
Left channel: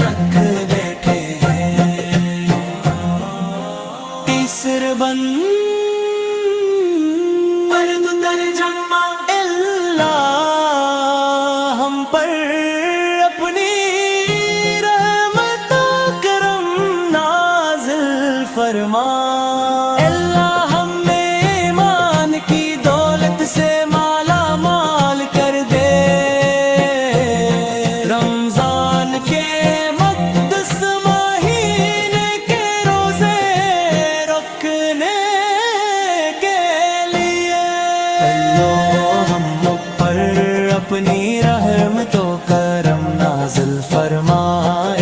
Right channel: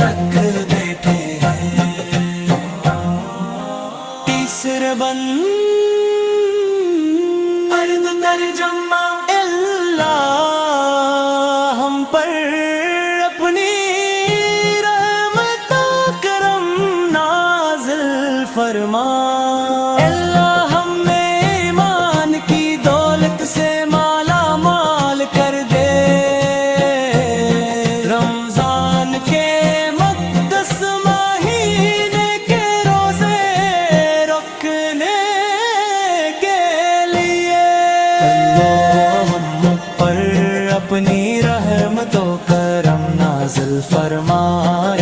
رکھ بیٹھے ہیں۔ تیسر بند ترجمہ، اللہ ہم پر اپنی رحمت و کرم نازل فرما، اللہ ہمیں ایمان کی دولت سے مالا مال کر دے، رمضان کے مقدس مہینے کے روزے رکھنے کے لیے۔ اللہ ہم پر اپنی رحمت و کرم نازل فرما،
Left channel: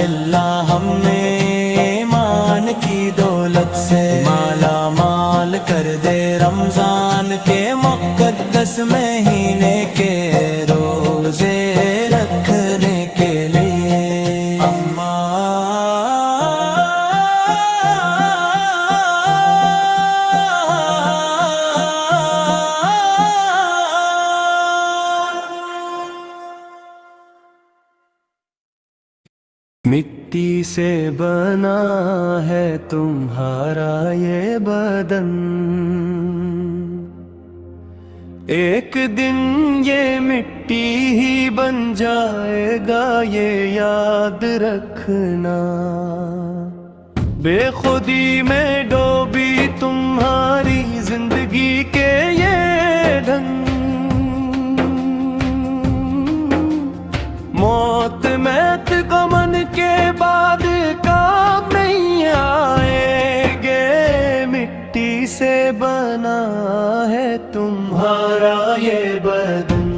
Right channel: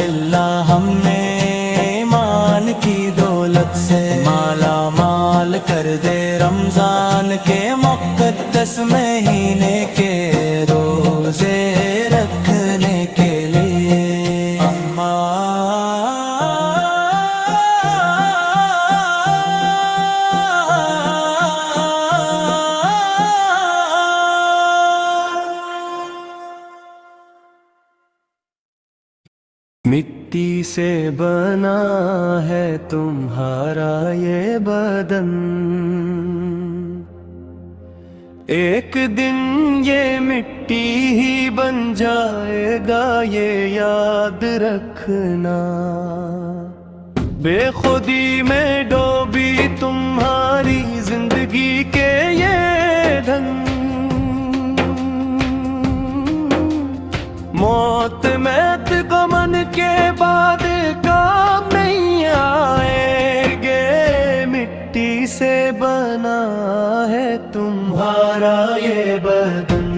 اللہ ہمیں ایمان کی دولت سے مالا مال کر دے، رمضان کے مقدس مہینے کے روزے رکھنے کے لیے۔ مٹی سے بنا ہے تمہارا یہ بدن، ایک دن یہ مٹی ہی بن جائے گا، یہ یاد رکھنا۔ بے خودی میں ڈوبی تمہاری زندگی کے یہ دھن، موت میت کو من کے بعد کام نہیں آئیں گے، مٹی سے بنا ہے تمہارا یہ بدن،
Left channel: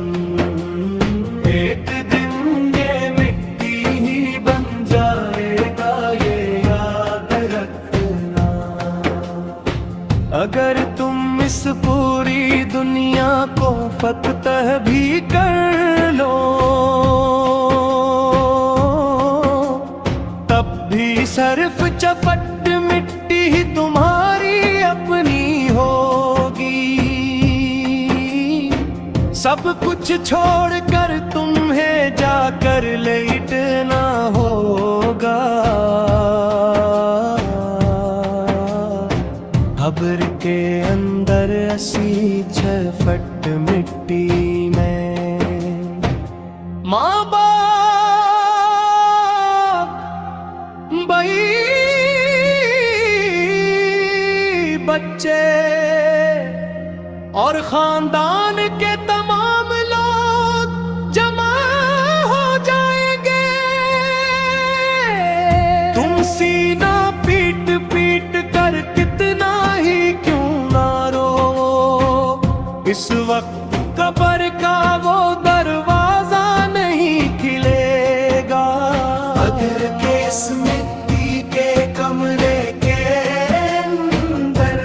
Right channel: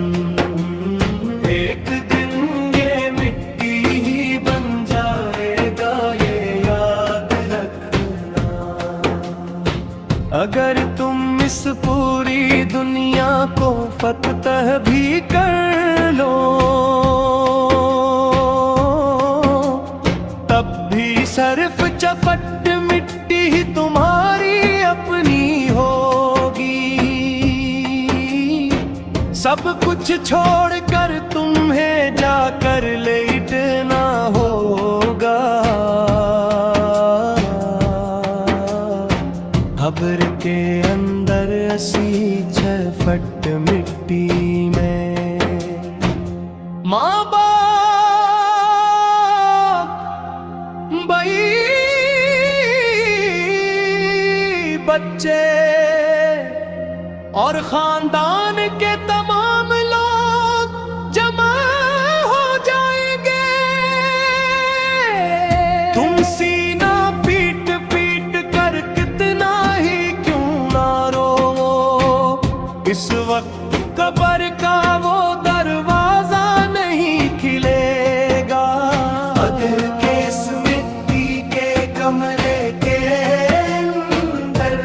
ایک دن یہ مٹی ہی بن جائے گا، یہ یاد رکھنا۔ اگر تم اس پوری دنیا کو فتح بھی کر لو، تب بھی صرف چپٹ مٹی ہی تمہاری اپنی ہوگی، سب کچھ چھوڑ کر تمہیں جا کر لیٹنا ہوگا، قبر کے اندر 86 فٹ مٹی میں ماں باپ بھائی بچے اور خاندان کے تمام لوگ جمع ہو جائیں گے، تم سینہ پیٹ پیٹ کر کتنا ہی کیوں نہ رو، اس وقت قبر کا وہ دروازہ نہیں کھلے گا، اگر کہ اس مٹی کے کمرے کے اندر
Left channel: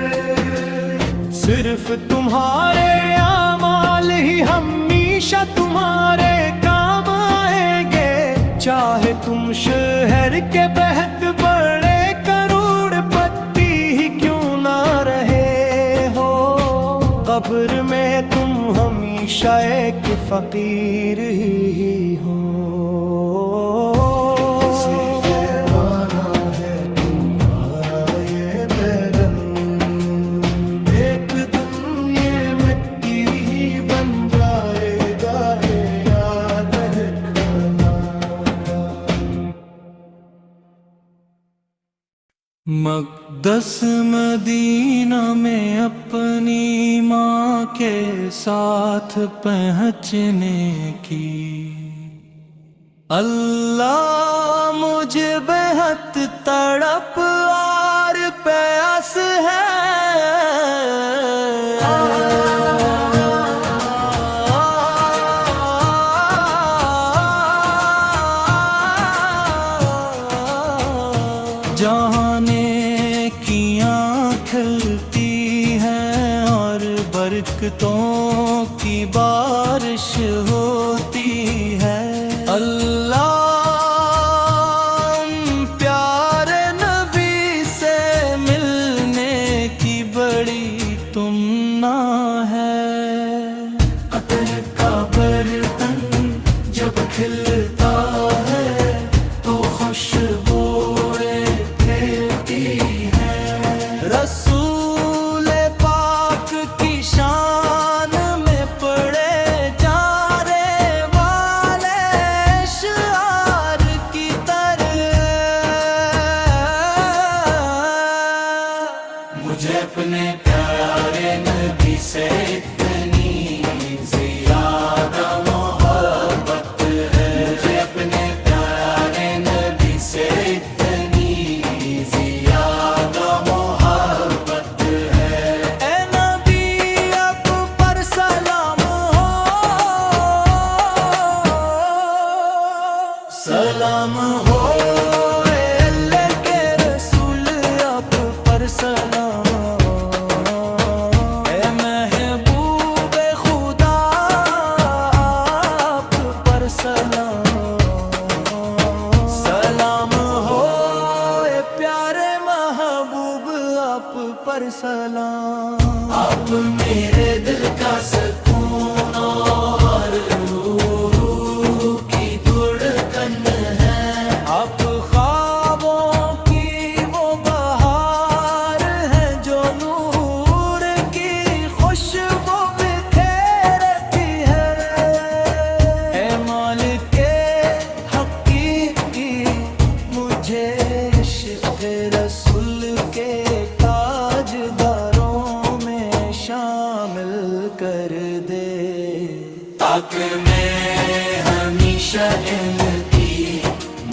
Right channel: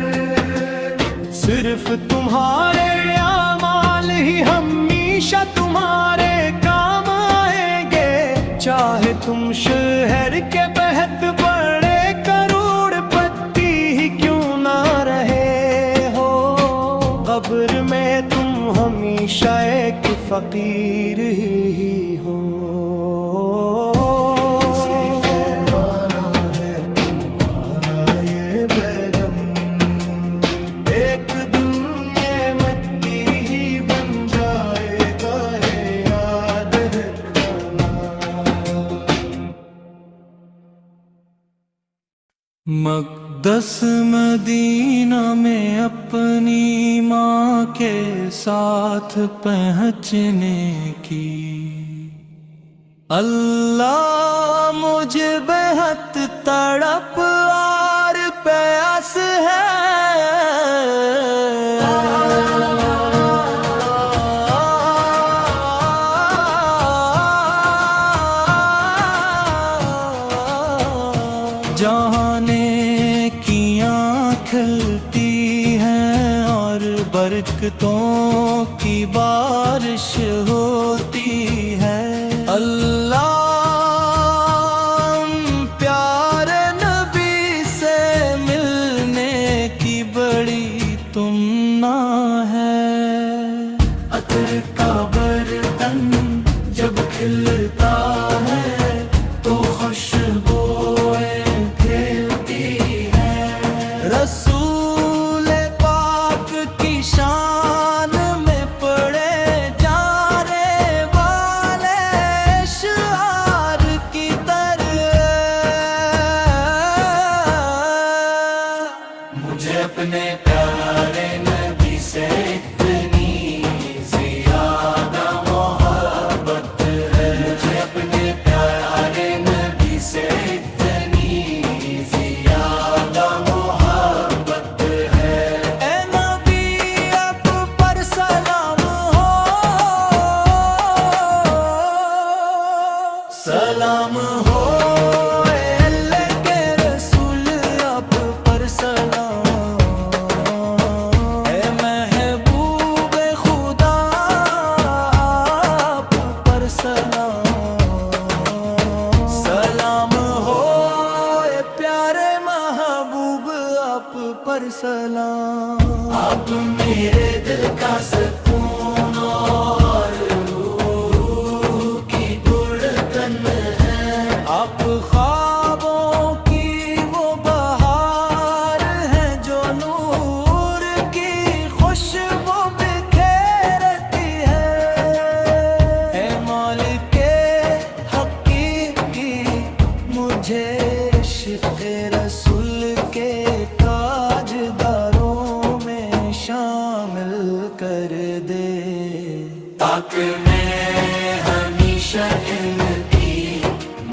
صرف تمہارے اعمال ہمیشہ تمہارے کام آئیں گے، چاہے تم شہر کے بہت بڑے کروڑ پتی ہی کیوں نہ رہے ہو، قبر میں تم ہمیشہ ایک فقیر ہی ہو۔ مقدس مدینہ میں اپنی ماں کے ساتھ پہنچنے کی اللہ مجھے بہت تڑپ اور پیاس ہے، جہانے کیاں کھلتی ہیں اور برکتوں کی بارش ہوتی ہے، اللہ پیارے نبی سے ملنے کی بڑی تمنا ہے، عطر کا برتن جب کھلتا ہے تو خوشبوئیں پھیلتی ہیں، رسول پاک کی شان میں پڑے جانے والے اشعار کی طرح مجھے اپنے پیارے نبی سے اتنی زیادہ محبت ہے، مجھے اپنے پیارے نبی سے اتنی زیادہ محبت ہے، اے نبی اب پر سلام ہو، سلام ہو، اے اللہ کے رسول اب پر سلام، اے محبوب خدا آپ پر سلام، سلام ہو اے پیارے محبوب آپ پر سلام، آپ میرے دل کا سکون اور روح کی دھڑکن ہے، آپ خوابوں کی وہ بہار ہیں جو نور کی خوشبو بکھیرتی ہے، اے مالک حقیقی مجھے عشق رسول کے تاجداروں میں شامل کر دے، تاکہ میں ہمیشہ ان کی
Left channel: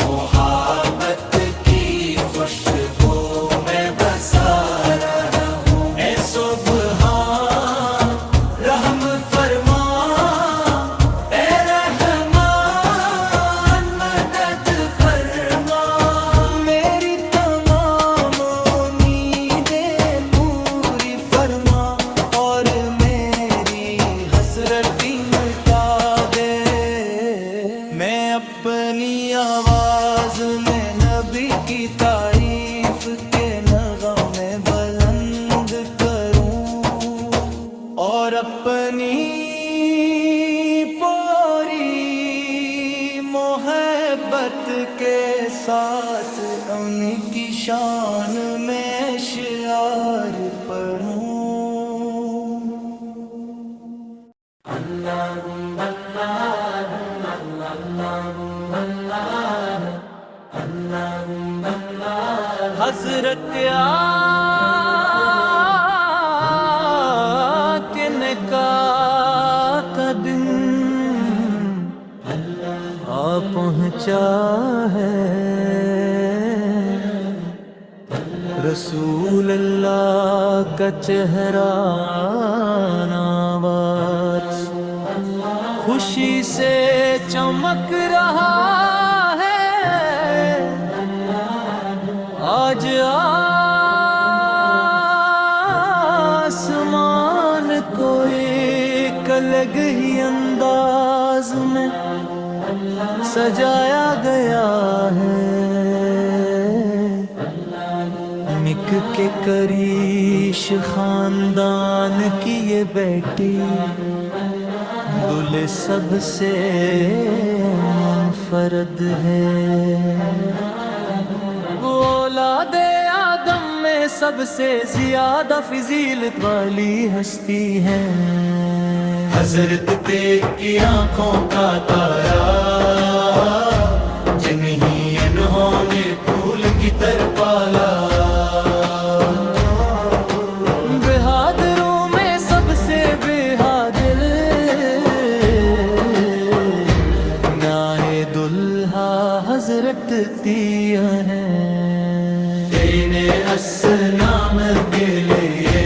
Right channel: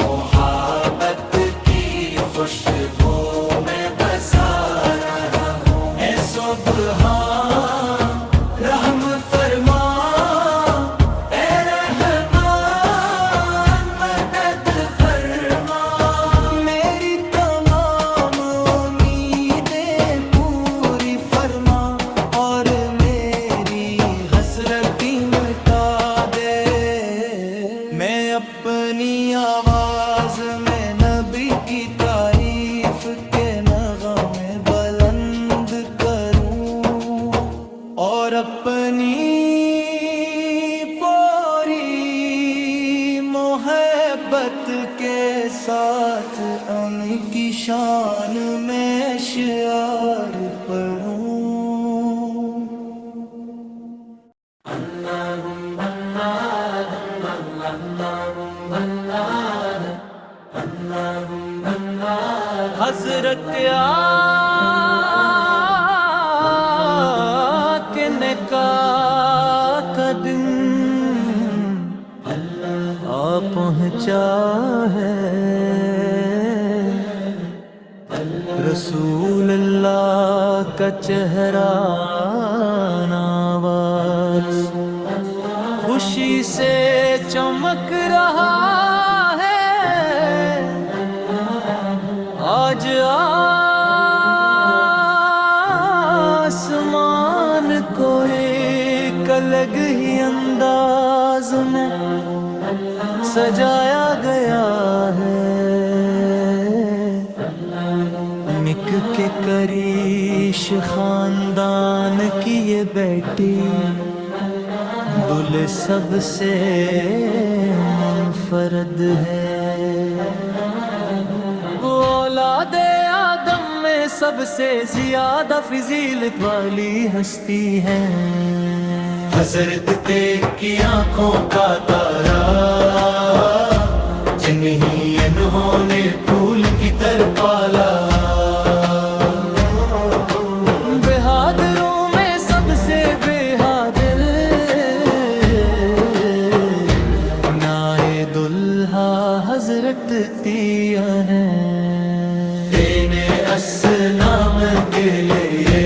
محبت کی خوشبو میں بسا رہا ہوں، اے سبحان رحم فرما، اے رحمان مدد فرما، میری تمام امیدیں پوری فرما اور میری حسرتی مٹا دے، میں اپنی آواز میں نبی کی تعریف کے نغمے بلند کروں اور اپنی پوری محبت کے ساتھ ان کی شان میں شعار پڑھوں۔ حضرت کے نکاح کا دن آ پہنچا ہے، رسول اللہ کا چہرہ ناواز خوشی سے چمک رہا ہے، آج آسمان کو ایک الگ ہی انداز میں سجایا گیا ہے، مک کے کریش خاندان کی یہ بیٹی دل سب سے منفرد ہے، وہ اولاد آدم میں سب سے زیادہ فضیلت والی ہستی ہے، حضرت تیگ کی آنکھوں کا تارا، جنہیں انہوں نے پھول کی طرح پالا، بہادروں میں سب سے بہادر، نائے دلہا حضرت تیا ہیں، دینے اسلام کے لیے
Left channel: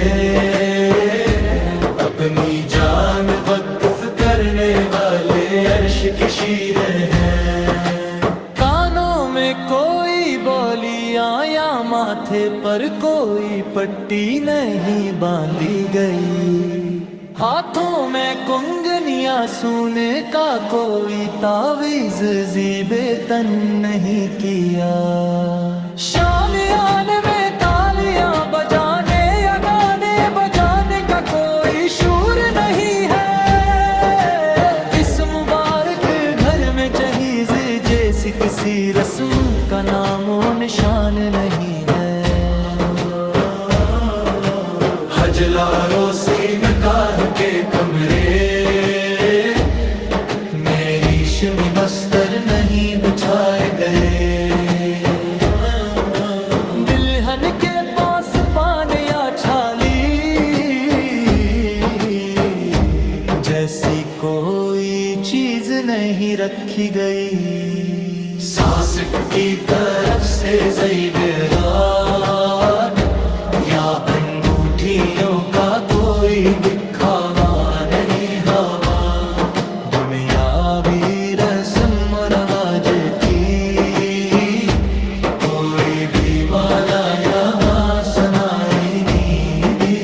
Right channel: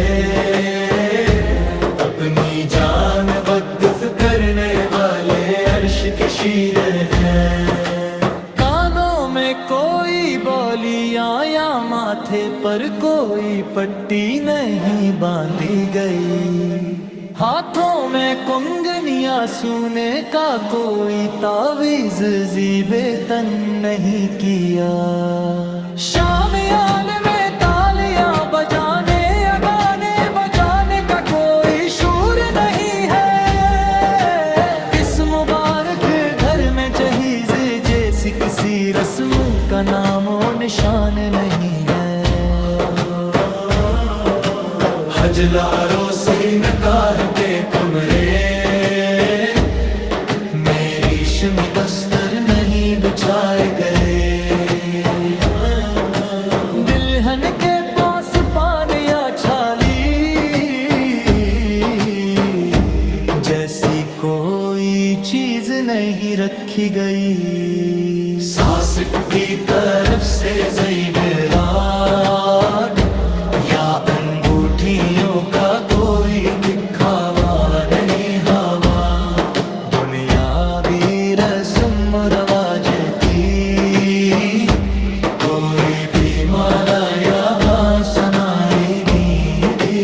اپنی جان وقف کرنے والے عرش کے شیر ہیں، کانوں میں کوئی بولیاں یا ماتھے پر کوئی پٹی نہیں باندھی گئی، ہاتھوں میں کنگنیاں سونے کا کوئی تعویذ زیبے تن نہیں کیا، شامیانے میں تالیاں بجانے یا گانے بجانے کا کوئی شور نہیں ہے، اس مبارک گھر میں جہیز جیسی کسی رسم کا نام و نشان نہیں ہے، حجلاروں سے نکاح کے کمرے میں ریشمی بستر نہیں بچھائے گئے، دلہن کے پاس پان یا چھالی جیسی کوئی چیز نہیں رکھی گئی، ساسٹ کی طرف سے زیورات یا انگوٹھیوں کا کوئی دکھاوا نہیں ہوا، دنیاوی رسم و رواج کی کوئی بھی مالا یہاں سنائی نہیں دی،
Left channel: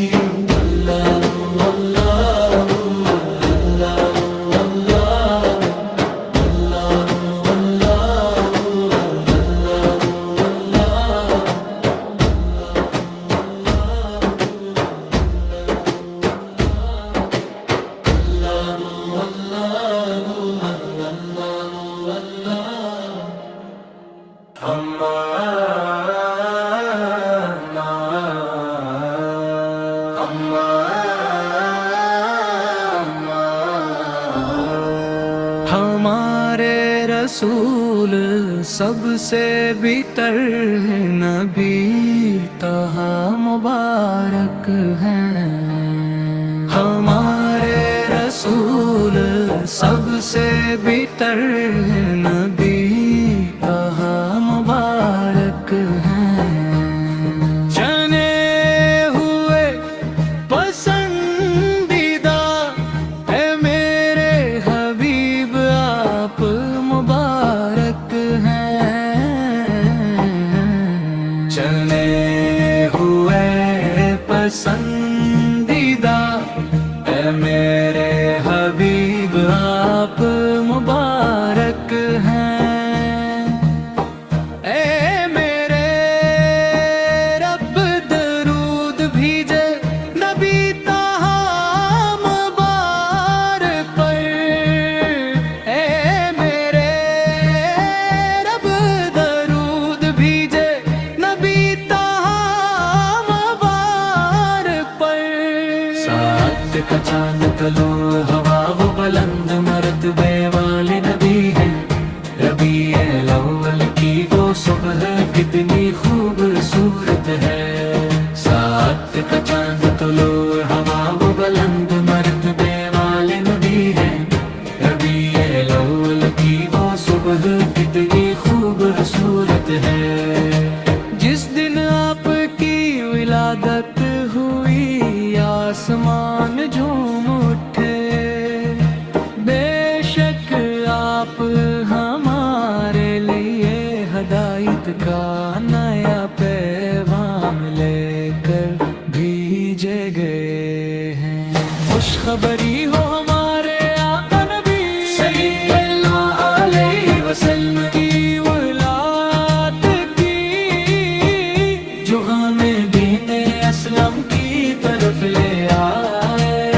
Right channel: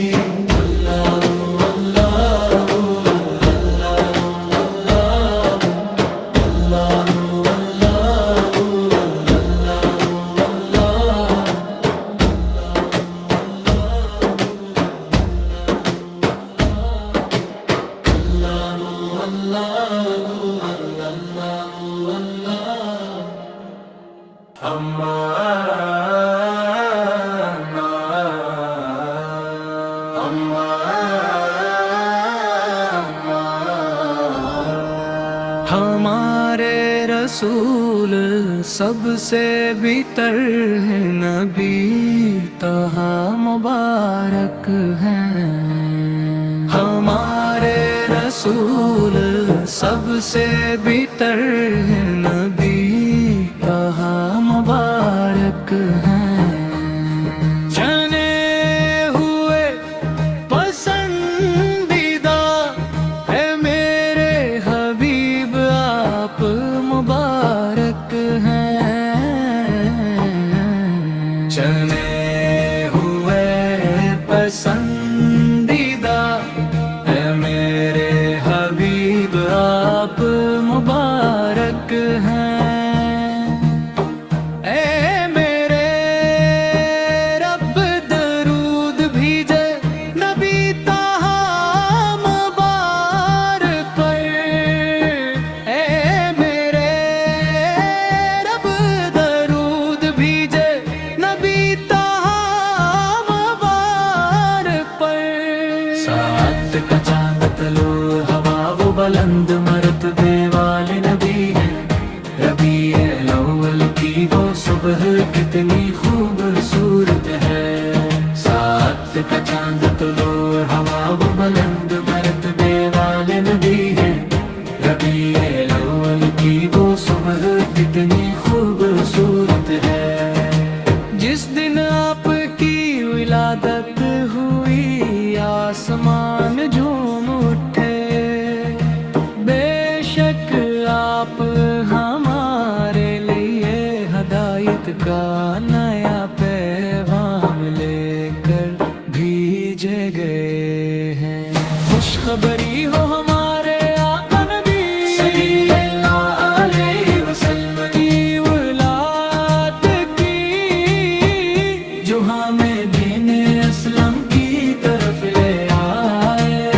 اللہ اللہ اللہ اللہ اللہ ہمارے رسول سب سے بہتر ہے، نبی طہٰ مبارک ہیں، ہمارے رسول سب سے بہتر ہے، نبی طہٰ مبارک ہیں، چنے ہوئے پسندیدہ ہے میرے حبیب آپ مبارک ہیں، چنے ہوئے پسندیدہ ہے میرے حبیب آپ مبارک ہیں، اے میرے رب درود بھیجے نبی طہٰ مبارک پر، اے میرے رب درود بھیجے نبی طہٰ مبارک پر، سات کا چاند طلوع ہوا وہ بلند مرتبے والے نبی ہیں، ربیع الاول کی وہ صبح کتنی خوبصورت ہے، سات کا چاند طلوع ہوا وہ بلند مرتبے والے نبی ہیں، ربیع الاول کی وہ صبح کتنی خوبصورت ہے، جس دن آپ کی ولادت ہوئی آسمان جھوم اٹھے، بے شک آپ ہمارے لیے ہدایت کا نیا پیغام لے کر بھیجے گئے ہیں، خوشخبری ہو ہمارے اسلم کی طرف لے آئے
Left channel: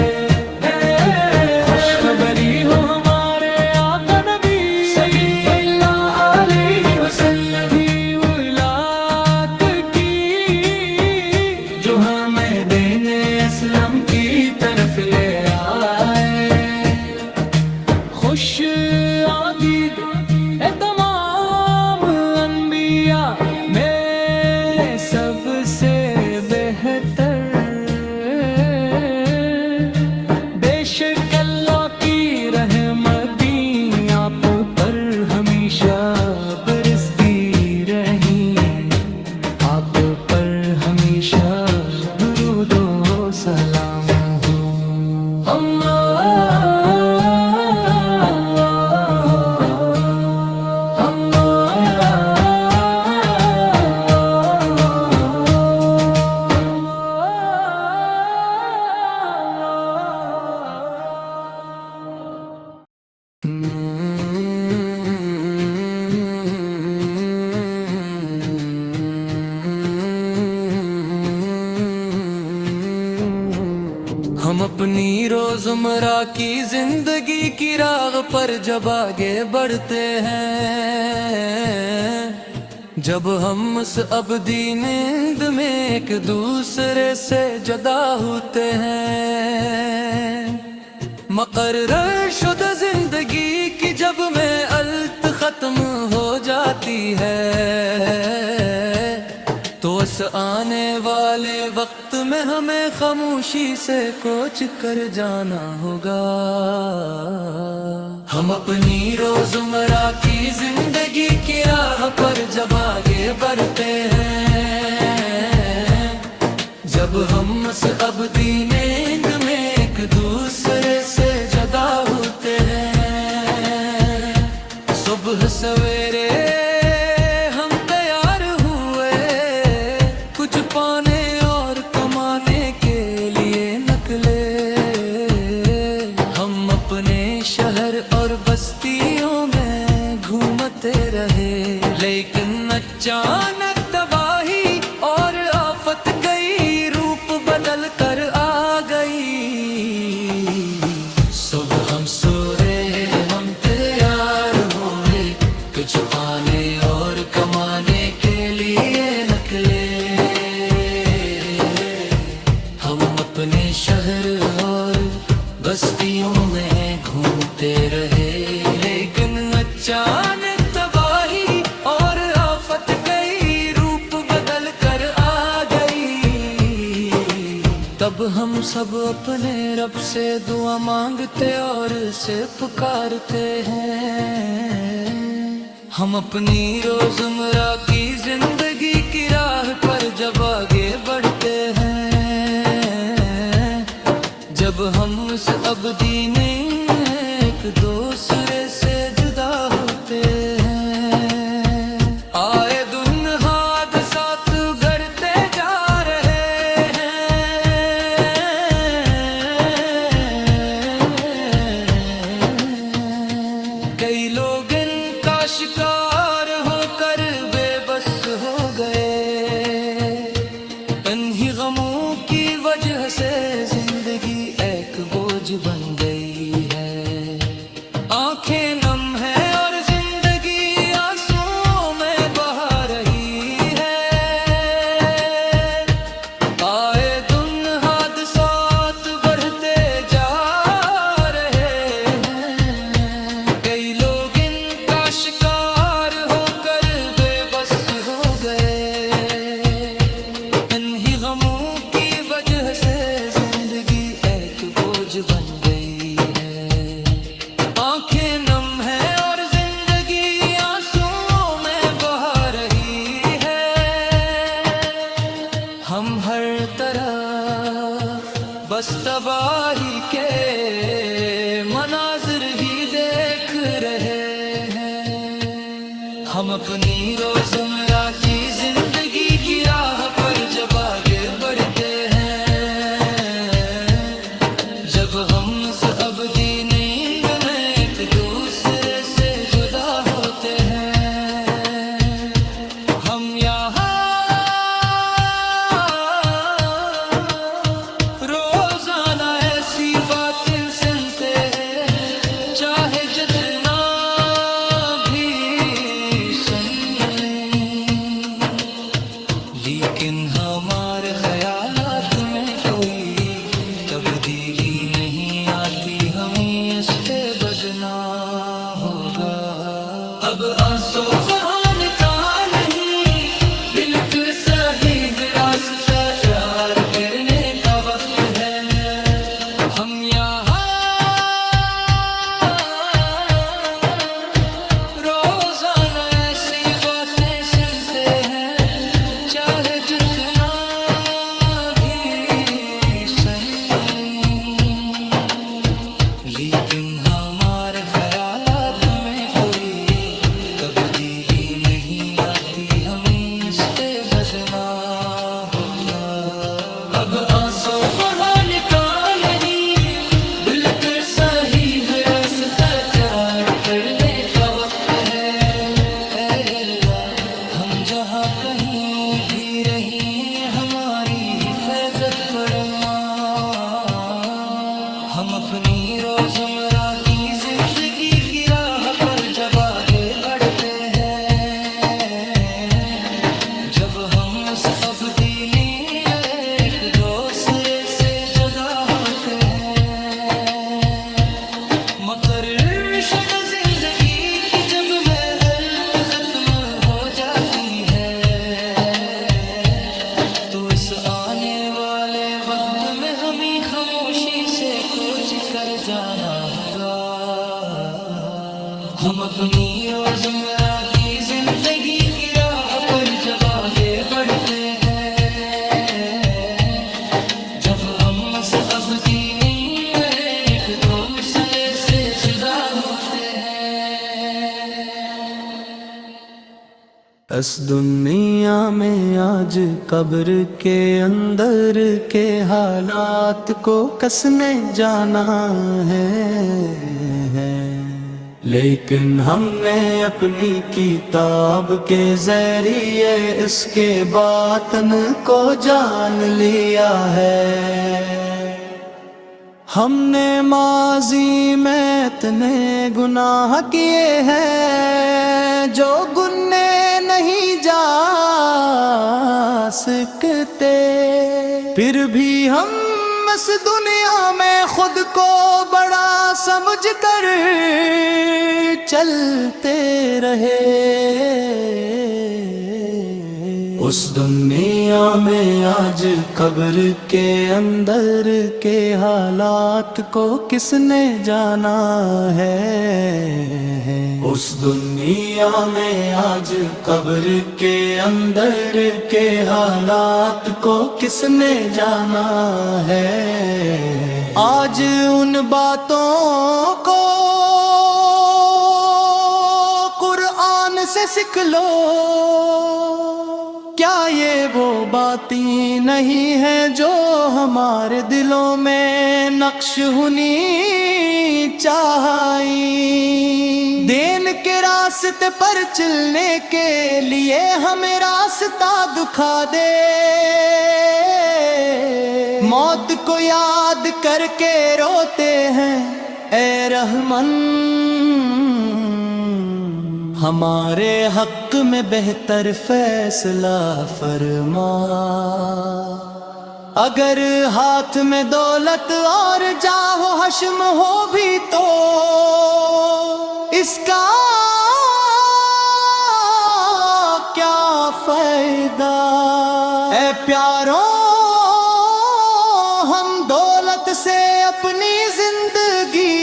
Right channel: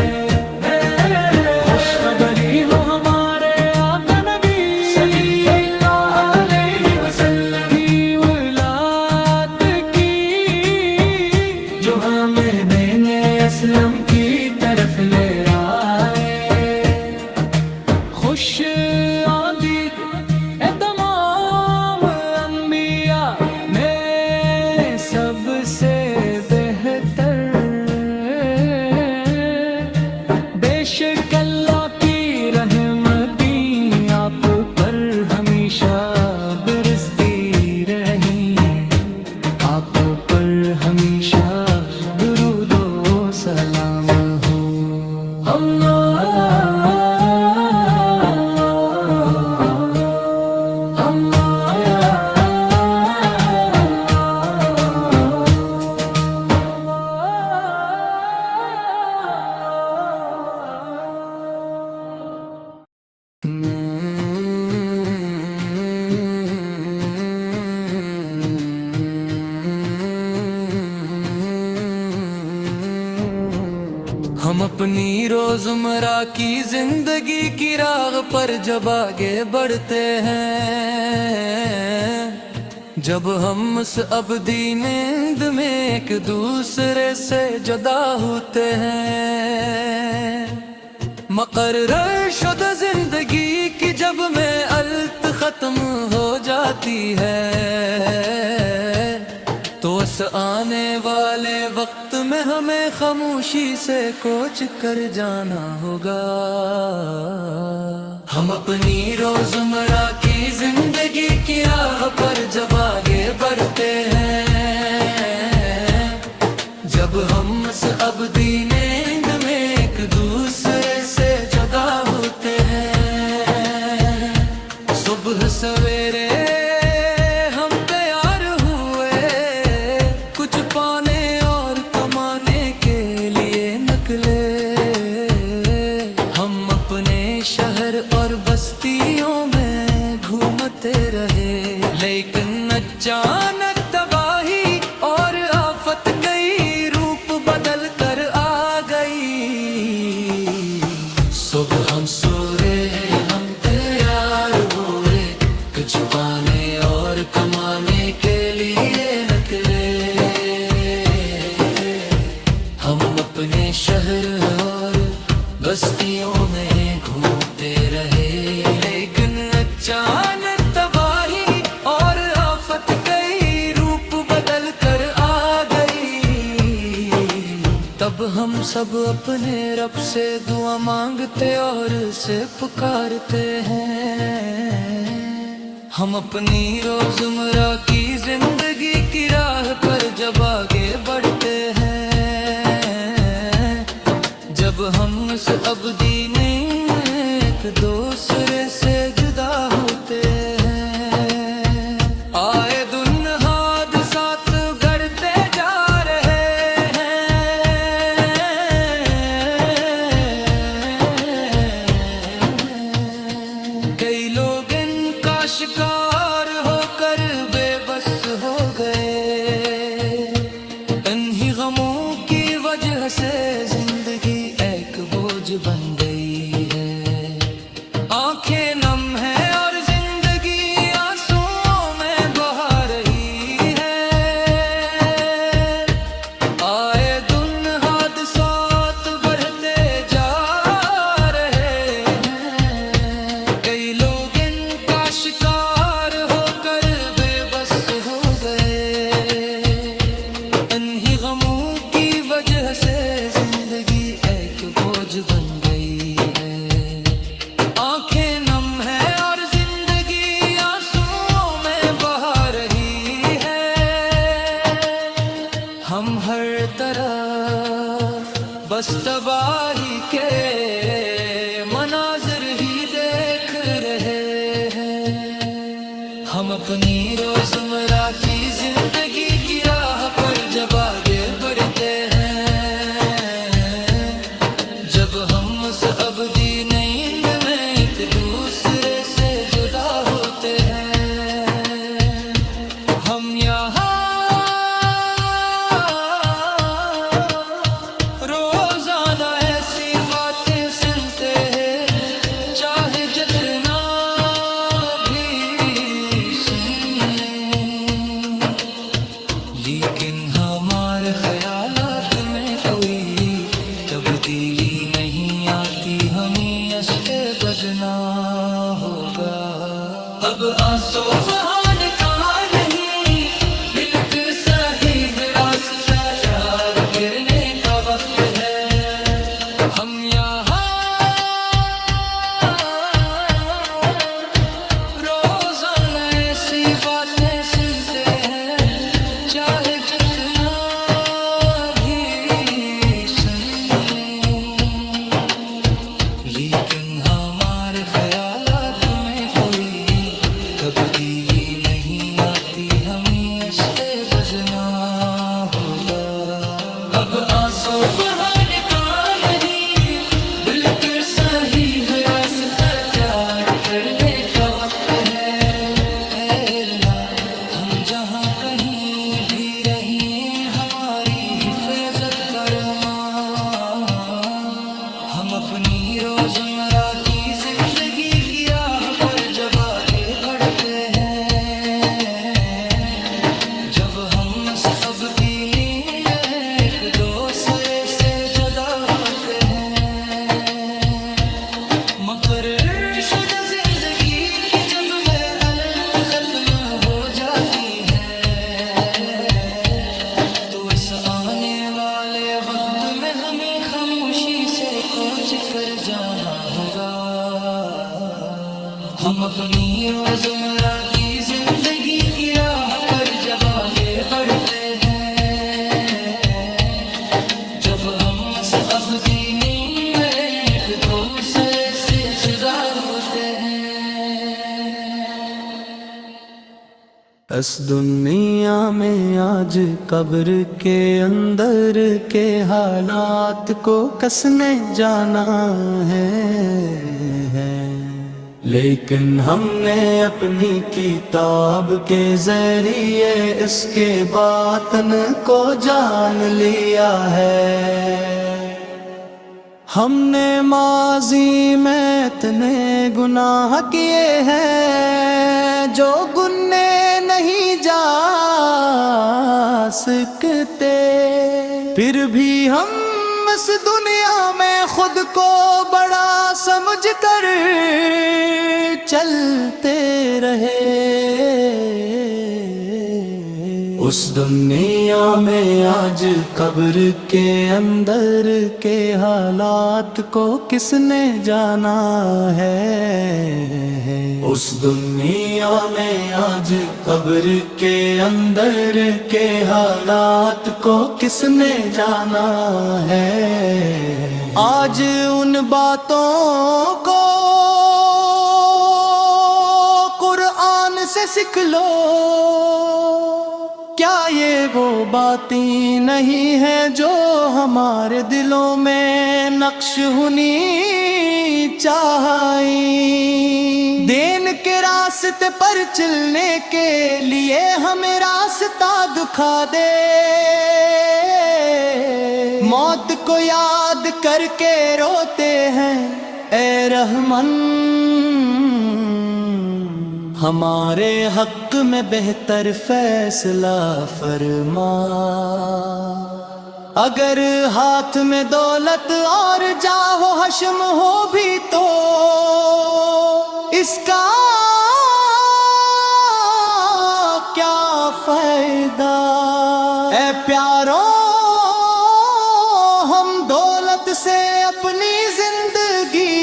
خوشخبری ہو ہمارے آقا نبی صلی اللہ علیہ وسلم کی ولادت کی جو ہمیں دین اسلم کی طرف لے آئے خوش آمدید اے تمام انبیاء میں سب سے بہتر بے شک اللہ کی رحمتیں آپ پر ہمیشہ برستی رہیں آپ پر ہمیشہ درود و سلام ہو ہم اپنی روزمرہ کی زندگی کی راہ پر جب آگے بڑھتے ہیں جب ہم اس ابدی نیند میں ایک دوسرے سے جدا ہوتے ہیں مقرر شدہ زندگی کی جب میں الت ختم ہو جاتی ہے تو اس آنے والے وقت میں ہمیں خاموشی سے کوچ کر جانا ہوگا ہم اپنی روزمرہ کی زندگی کی راہ پر جب آگے بڑھتے ہیں جب ہم اس ابدی نیند میں ایک دوسرے سے جدا ہوتے ہیں صبح سویرے کچھ پانے اور کمانے کے لیے نکلے ہم اپنے شہر اور بستیوں میں گھومتے رہے لیکن اچانک تباہی اور آفت کئی روپ بدل کر آ گئی صبح ہم سورے ہم تیار ہوئے کچھ پانے اور کمانے کے لیے نکلے ہم اپنے شہر اور بستیوں میں گھومتے رہے لیکن اچانک تباہی اور آفت کئی روپ بدل کر آ گئی تب ہم سب اپنے رب سے دعا مانگتے اور اسے پکارتے ہیں ہم اپنی روزمرہ کی زندگی کی راہ پر جب آگے بڑھتے ہیں جب ہم اس ابدی نہیں ایک دوسرے سے جدا ہوتے ہیں آئے دن حادثات گھڑتے جا رہے ہیں کئی لوگ ان کا شکار ہو کر بے بس ہو گئے انہی غموں کی وجہ سے زندگی ایک بوجھ بن گئی ہے آنکھیں نم ہیں اور زندگی آنسوؤں میں بہا رہی ہے آئے دن حادثات بڑھتے جا رہے ہیں کئی لوگ ان کا شکار ہو کر بے بس ہو گئے انہی غموں کی وجہ سے زندگی ایک بوجھ بن گئی ہے آنکھیں نم ہیں اور زندگی آنسوؤں میں بہا رہی ہے ہم ہر طرف بس تباہی کے مناظر ہی دیکھ رہے ہیں ہم اپنی روزمرہ کی زندگی کی راہ پر جب آگے بڑھتے ہیں جب ہم اس ابدی نیند میں ایک دوسرے سے جدا ہوتے ہیں ہم یہاں باتیں سنتے ہیں چاہے جتنا بھی سن لیں، لیکن ہمارے خیالات میں کوئی تبدیلی نہیں آتی، ہمیں اس پہ بدنا ہوگا۔ اب آنسو بہانے کا نہیں، دل کے صحیح راستہ پیار کرنے کا وقت ہے۔ ہم یہاں روزانہ ایسی باتیں سنتے ہیں چاہے جتنا بھی سن لیں، لیکن ہمارے خیالات میں کوئی تبدیلی نہیں آتی، ہمیں اس سے بدنا ہوگا۔ اب آنسو بہانے کا نہیں، بالکل صحیح راستہ پیار کرنے کا وقت ہے۔ اے اللہ ہم جہاں کہیں بھی رہیں ہماری حفاظت فرما، ہم اپنی روزمرہ کی زندگی کی راہ پر جب آگے بڑھتے ہیں، جب ہم ابدینی ایک دوسرے سے جدا ہوتے ہیں، مقرر شدہ زندگی کی جب محنت ختم ہو جاتی ہے، تو اس آنے والے وقت میں ہمیں خاموشی سے کوچ کر جانا ہوگا۔ ہم اپنی روزمرہ کی زندگی کی راہ پر جب آگے بڑھتے ہیں، جب ہم ابدینی میں ایک دوسرے سے جدا ہوتے ہیں۔ اس دنیا میں آج قبر کے اندر کے حالات کو کس نے جانا ہے، لیکن ہم نے اپنی کتاب کے ذریعے اس کے باطن کو جان لیا ہے۔ ہم نے ماضی میں اتنے گناہ کیے ہیں جو گنے نہیں جا سکتے، پھر بھی ہم اس دنیا میں خود کو بڑا سمجھ کر چلتے رہے۔ اس دنیا میں آج قبر کے اندر کے حالات کو کس نے جانا ہے، اس دنیا میں آج قبر کے اندر کے حالات کو کس نے جانا ہے۔ آج ان باتوں کو قرآن سے سیکھ لو، کیا یہ وہ باتیں نہیں ہیں جو ہمارے دلوں میں نقش ہونی چاہیے؟ دین کے راستے پر چلنے کے لیے ہمیں راستہ دکھا دے، موت کو یاد کر کے روتے ہیں اے رحمن، ہمارے حق میں بہتر فیصلہ فرما۔ اگر ہاتھ میں دولت اور جاہ و حشم ہو بھی تو اس کا کیا فائدہ؟ اے پیاروں، ہم دولت سے اپنی زندگی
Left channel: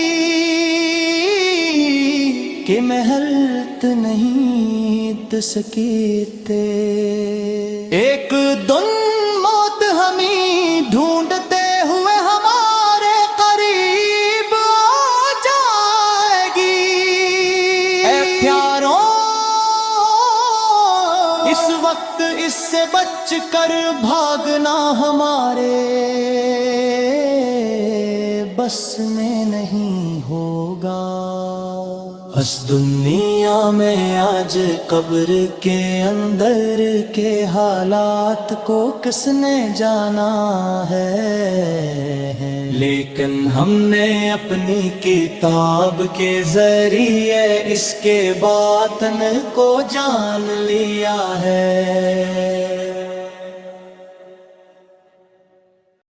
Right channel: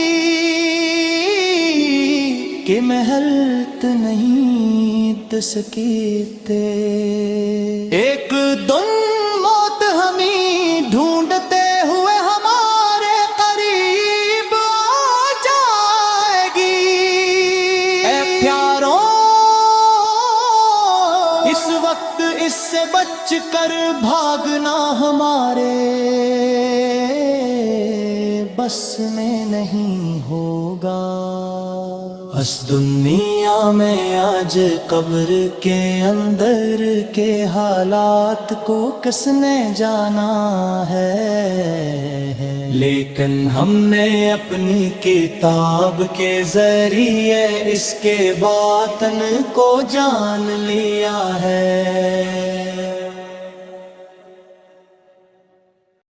کہ محلت نہیں دے سکتے، ایک دن موت ہمیں ڈھونڈتے ہوئے ہمارے قریب آ جائے گی۔ اے پیاروں، اس وقت اس سے بچ بچ کر بھاگنا ہمارے بس میں نہیں ہوگا. اس دنیا میں آج قبر کے اندر کے حالات کو کس نے جانا ہے، لیکن ہم نے اپنی کتاب کے ذریعے اس کے باطن کو جان لیا ہے.